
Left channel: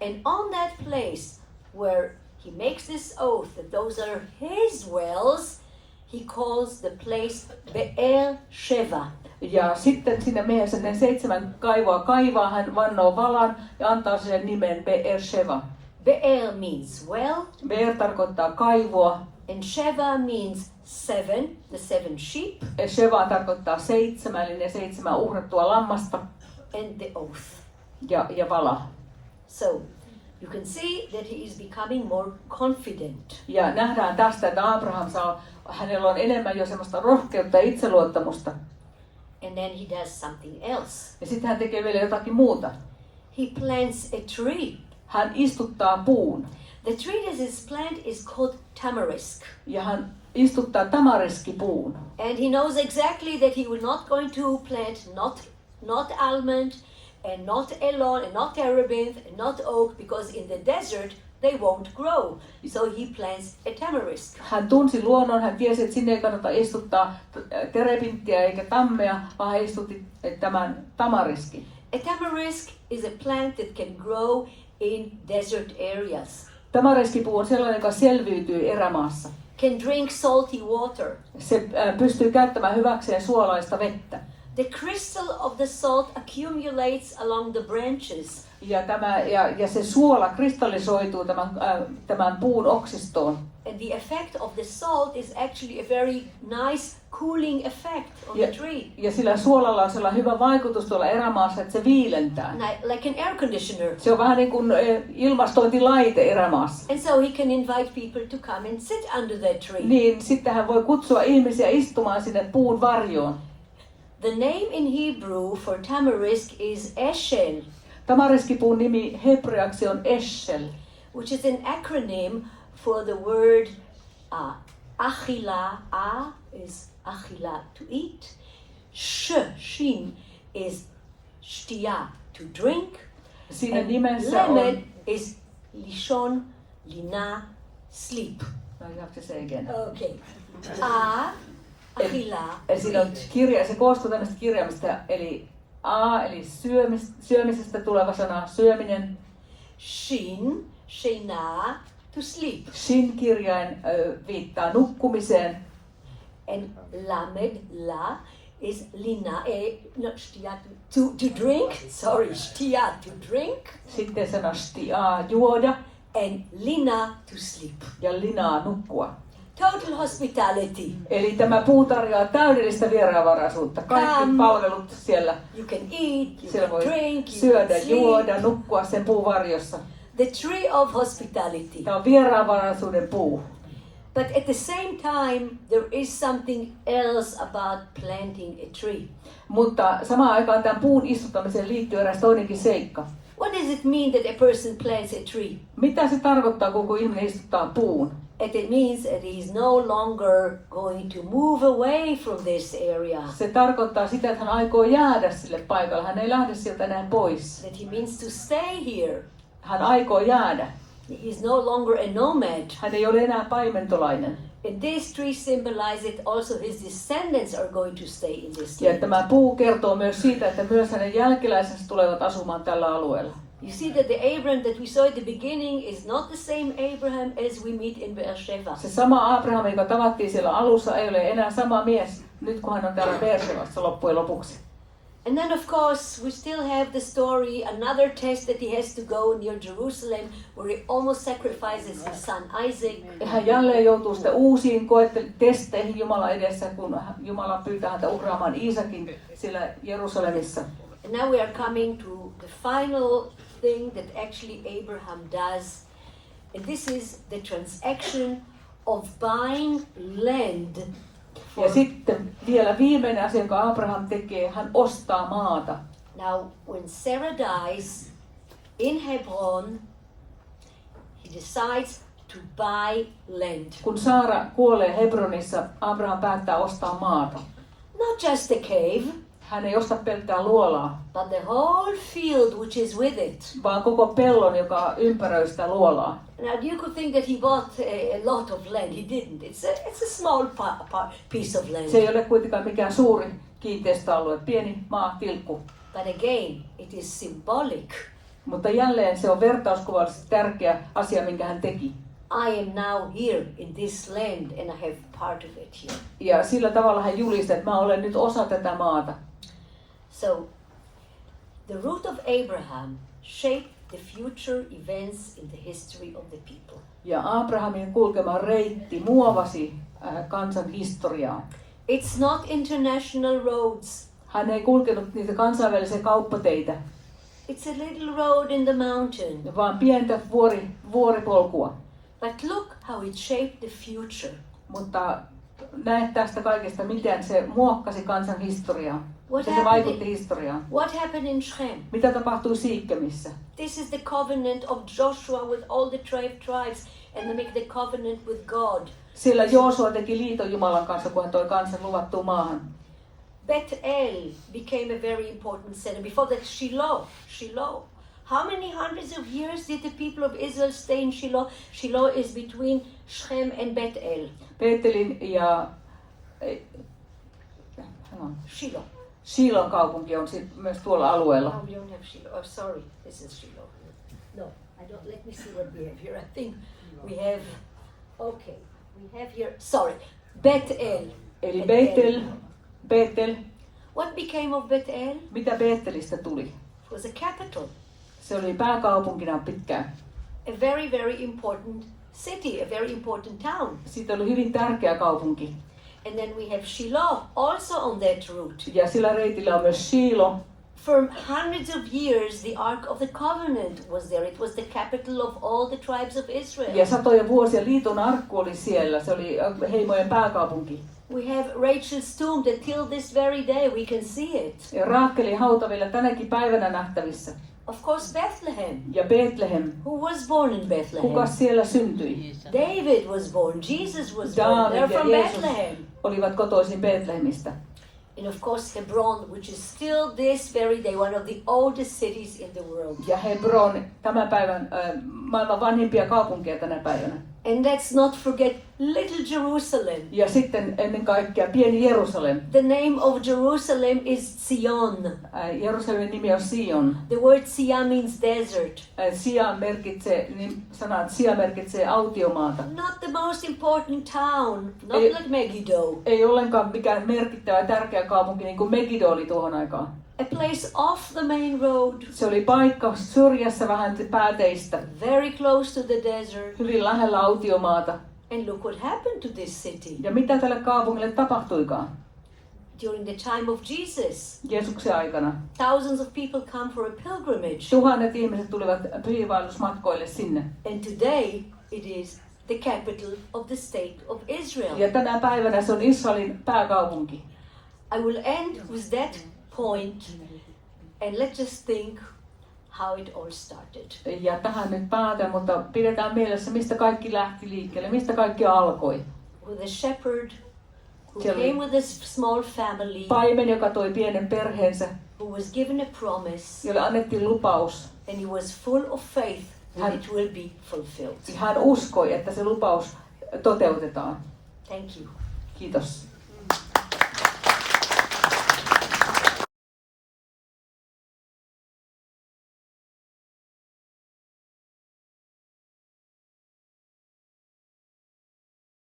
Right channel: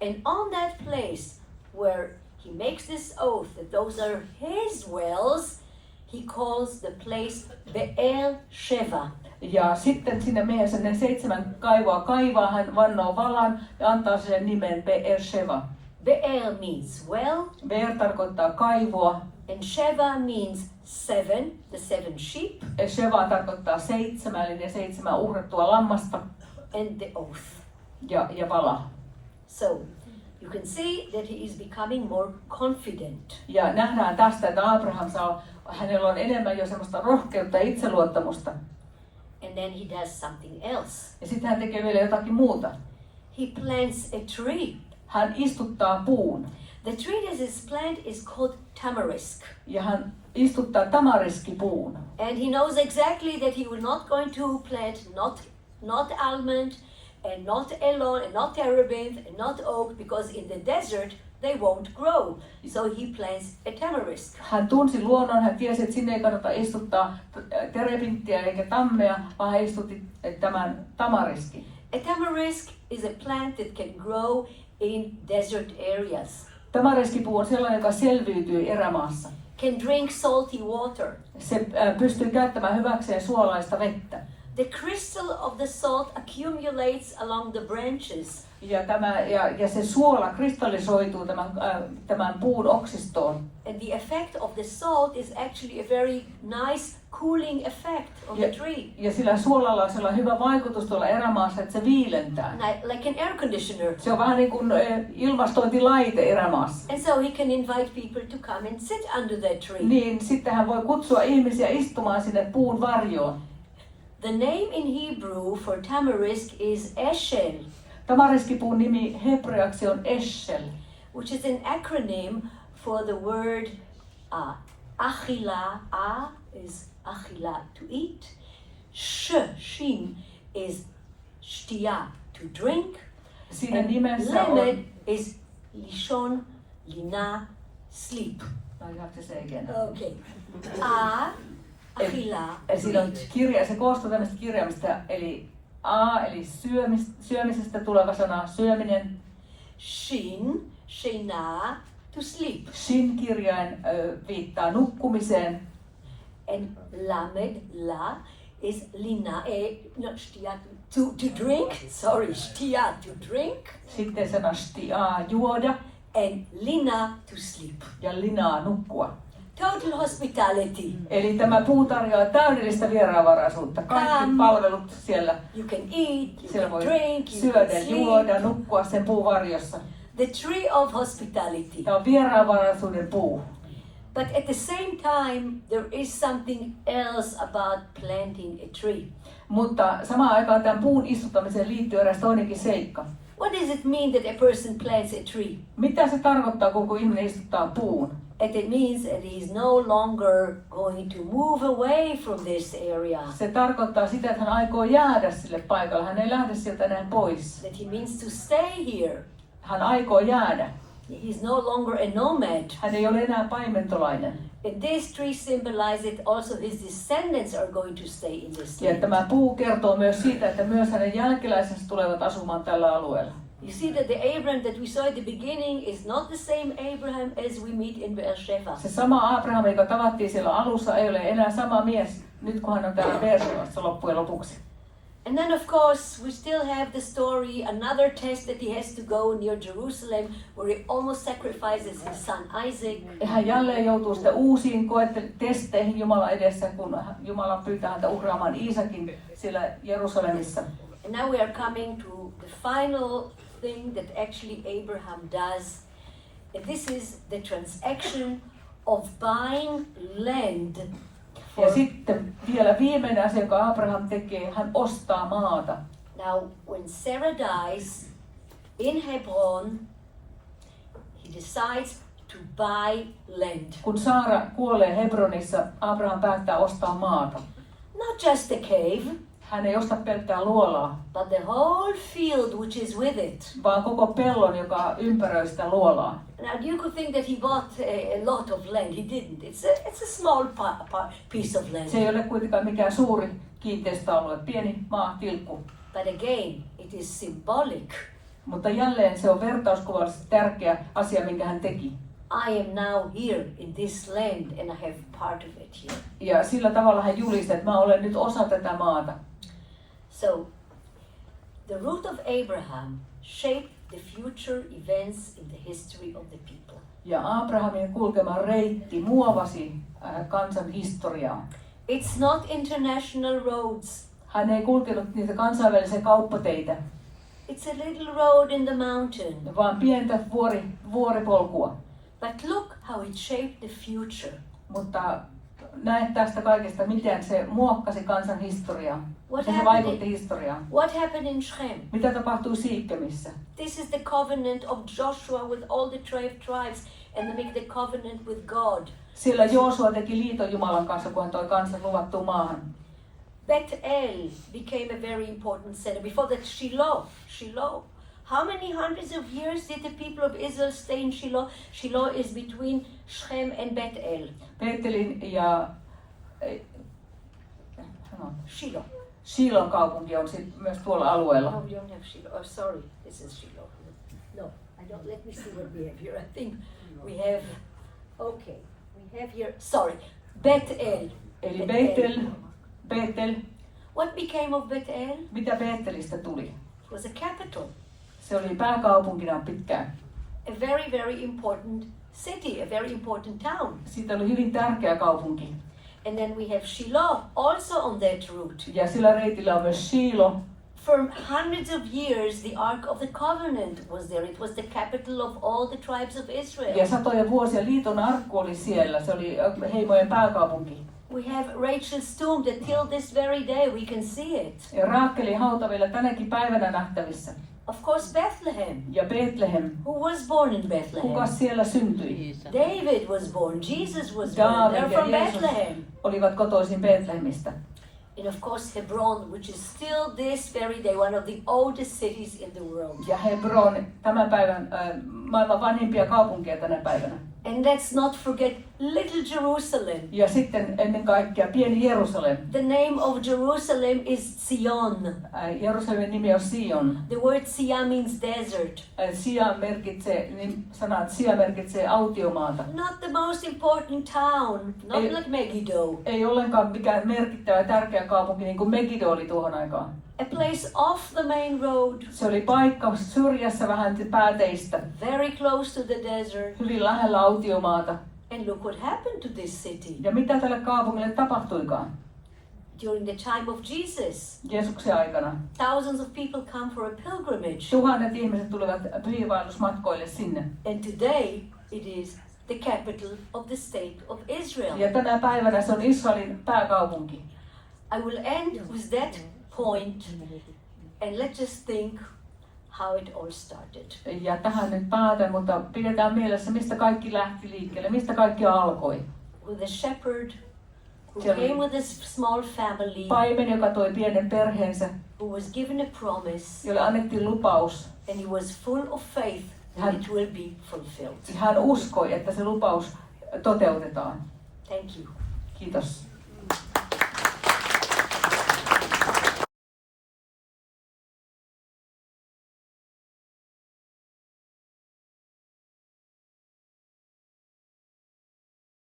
And on that place where he makes this oath that those are his wells, he calls the place Beersheba. Ja sitten sinne miehensä ne 7 kaivoa kaivaa, hän vannoo valan ja antaa sille nimen Beersheba. Beer means well. Beer tarkoittaa kaivoa. And Sheva means 7, the 7 sheep. Sheva tarkoittaa 7, eli ne 7 uhrattua lammasta. And the oath. Ja vala. So, you can see that he is becoming more confident. Ja nähdään tästä, että Abraham saa hänellä on enemmän jo semmoista rohkeutta ja itseluottamusta. And then he does something else. Ja sitten hän tekee vielä jotakin muuta. He plants a tree. Hän istuttaa puun. The tree that is planted is called tamarisk. Ja hän istuttaa tamariskipuun. And he knows exactly that he will not going to plant not almond and not elon and not terebinth and not oak, because in the desert they won't grow. So he plants a tamarisk. Hän tunsi luonnon, hän tiesi, että sinne ei kannata istuttaa terebinttiä eikä tammea, vaan hän istutti tämän tamariskin. A tamarisk is a plant that can grow in desert areas. Tamariskipuu on sellainen, joka selviytyy erämaassa. Can drink salty water. Se pystyy käyttämään hyväkseen suolaista vettä. The crystal of the salt accumulates along the branches. Ja se suola kristallisoituu tämän puun oksistoon. And the effect of the salt is actually a very nice cooling effect on the tree. Ja sillä suolalla on sellainen hyvä vaikutus tuolla erämaassa, että se viilentää. Like an air conditioner. Se on vähän niin kuin ilmastointilaite erämaassa. And so he can invite people to come and sit under that tree. Niin, sitten hän voi kutsua ihmisiä istumaan sinne puun varjoon. The name in Hebrew for tamarisk is eshel. Tamariskipuun nimi hebreaksi on eshel, which is an acronym for the word achila. A is achila, to eat. Shin is shtia, to drink. Siinä And nimessä lamed on... is lishon, lina, sleep. No, you have to say again. Okay. Achila, Eli siinä on kirja, se koostuu tämmöistä kirjaimista, eli A, eli syömisestä tuleva sana, syöminen. Shin, shena, to sleep. Shin-kirjain viittaa nukkumiseen. And lamed, la, is lina, shtia, to drink. Sorry, shtia, to drink. Sitten sana shtia, juoda. And lina, to sleep. Ja linaa, nukkua. Total hospitality. Eli tämä puu tarjoaa täydellistä vieraanvaraisuutta. Kaikki palvelut siellä. You can eat, you Siellä can voi drink, you syödä, can sleep. juoda, nukkua sen puun varjossa. The tree of hospitality. Tämä on vieraanvaraisuuden puu. But at the same time, there is something else about planting a tree. Mutta samaan aikaan tämän puun istuttamiseen liittyy eräs toinenkin seikka. What does it mean that a person plants a tree? Mitä se tarkoittaa, kun ihminen istuttaa puun? It means that he is no longer going to move away from this area. Se tarkoittaa sitä, että hän aikoo jäädä sille paikalle. Hän ei lähde sieltä enää pois. That he means to stay here. Hän aikoo jäädä. He is no longer a nomad. Hän ei ole enää paimentolainen. And this tree symbolizes that also his descendants are going to stay in this Ja land. tämä puu kertoo myös siitä, että myös hänen jälkeläisensä tulevat asumaan tällä alueella. You see that the Abraham that we saw at the beginning is not the same Abraham as we meet in Beersheba. Se sama Aabraham, joka tavattiin siellä alussa, ei ole enää sama mies nyt, kun hän on täällä Beershebassa loppujen lopuksi. And then of course we still have the story, another test that he has to go near Jerusalem, where he almost sacrifices his son Isaac. Hän jälleen joutuu sitten uusiin testeihin Jumalan edessä, kun Jumala pyytää häntä uhraamaan Iisakin siellä Jerusalemissa. And now we are coming to the final thing that actually Abraham does. And this is the transaction of buying land. Ja sitten vielä viimeinen asia, jonka Abraham tekee, hän ostaa maata. Now, when Sarah dies in Hebron, he decides to buy land. Kun Saara kuolee Hebronissa, Abraham päättää ostaa maata. Not just a cave, Hän ei osta pelkkää luolaa, but the whole field which is with it. vaan koko pellon, joka ympäröi sitä luolaa. Now, you could think that he bought a lot of land. He didn't. It's a small piece of land. Se ei ole kuitenkaan mikään suuri kiinteistöalue, pieni maatilkku. But again, it is symbolic. Mutta jälleen se on vertauskuvallisesti tärkeä asia, minkä hän teki. I am now here in this land and I have part of it here. Ja sillä tavalla hän julisti, että mä olen nyt osa tätä maata. So, the root of Abraham shaped the future events in the history of the people. Ja Abrahamin kulkema reitti muovasi kansan historiaa. It's not international roads. Hän ei kulkenut niitä kansainvälisiä kauppateitä, It's a little road in the mountain. vaan pientä vuoripolkua. But look how it shaped the future. Mutta näet tästä kaikesta, miten se muokkasi kansan historiaa. Se vaikutti historiaan. What happened in Shem? Mitä tapahtui Siikkemissä? This is the covenant of Joshua with all the 12 tribes, and they make the covenant with God. Siellä Joosua teki liiton Jumalan kanssa, kun hän toi kansan luvattuun maahan. Bethel became a very important center. Before that, Shiloh. How many hundreds of years did the people of Israel stay in Shiloh? Shiloh is between Shem and Bethel. Betelin ja Shilon kaupunki on myös tuolla alueella. Oh, we don't have Shiloh. Oh, sorry, this is Shiloh. No, I don't. Let me see what we have here. I think we have. Okay, we have here. Sorry, Bethel. Eli Bethel. What became of Bethel? Mitä Bethelistä tuli? It was a capital. Se oli pääkaupunkina pitkään. A very, very important city, a very important town. Siitä oli hyvin tärkeä kaupunki. And then we have Shiloh also on that route. Ja sillä reitillä on myös Shiloh. For hundreds of years, the Ark of the Covenant was there. It was the capital of all the tribes of Israel. Ja satoja vuosia liiton arkku oli siellä. Se oli heimojen pääkaupunki. We have Rachel's tomb that till this very day we can see it. Ja Raakelin hauta vielä tänäkin päivänä nähtävissä. Of course, Bethlehem. Ja Bethlehem. Who was born in Bethlehem? Kuka siellä syntyi? David was born. Jesus was born. David They're from ja Jeesus Bethlehem. olivat kotoisin Betlehemistä. And of course, Hebron, which is still this very day one of the oldest cities in the world. Ja Hebron, tämän päivän maailman vanhimpia kaupunkeja tänä päivänä. And let's not forget Little Jerusalem. Ja sitten ennen kaikkea pieni Jerusalem. The name of Jerusalem is Zion. Jerusalemin nimi on Sion. The word Sia means desert. Sia merkitsee autiomaata. Not the most important town, not like Megiddo. Ei ollenkaan mikään merkittävä tärkeä kaupunki niin kuin Megiddo oli tuohon aikaan. A place off the main road. Se oli paikka syrjässä vähän pääteistä. Very close to the desert. Hyvin lähellä autiomaata. And look what happened to this city. Ja mitä tälle kaupungille tapahtuikaan? During the time of Jesus, Jeesuksen aikana. thousands of people come for a pilgrimage. Tuhannet ihmiset tulivat pyhiinvaellusmatkoille sinne. And today it is the capital of the state of Israel. Ja tänä päivänä se on Israelin pääkaupunki. I will end with that point and let's just think how it all started. Ja tähän nyt päätän, mutta pidetään mielessä, mistä kaikki lähti liikkeelle, mistä kaikki alkoi. With a shepherd who came with a small family, paimen, joka toi pienen perheensä, who was given a promise, jolle annettiin lupaus. and he was full of faith that it will be fulfilled. Hän uskoi, että se lupaus toteutetaan. Thank you. Kiitos.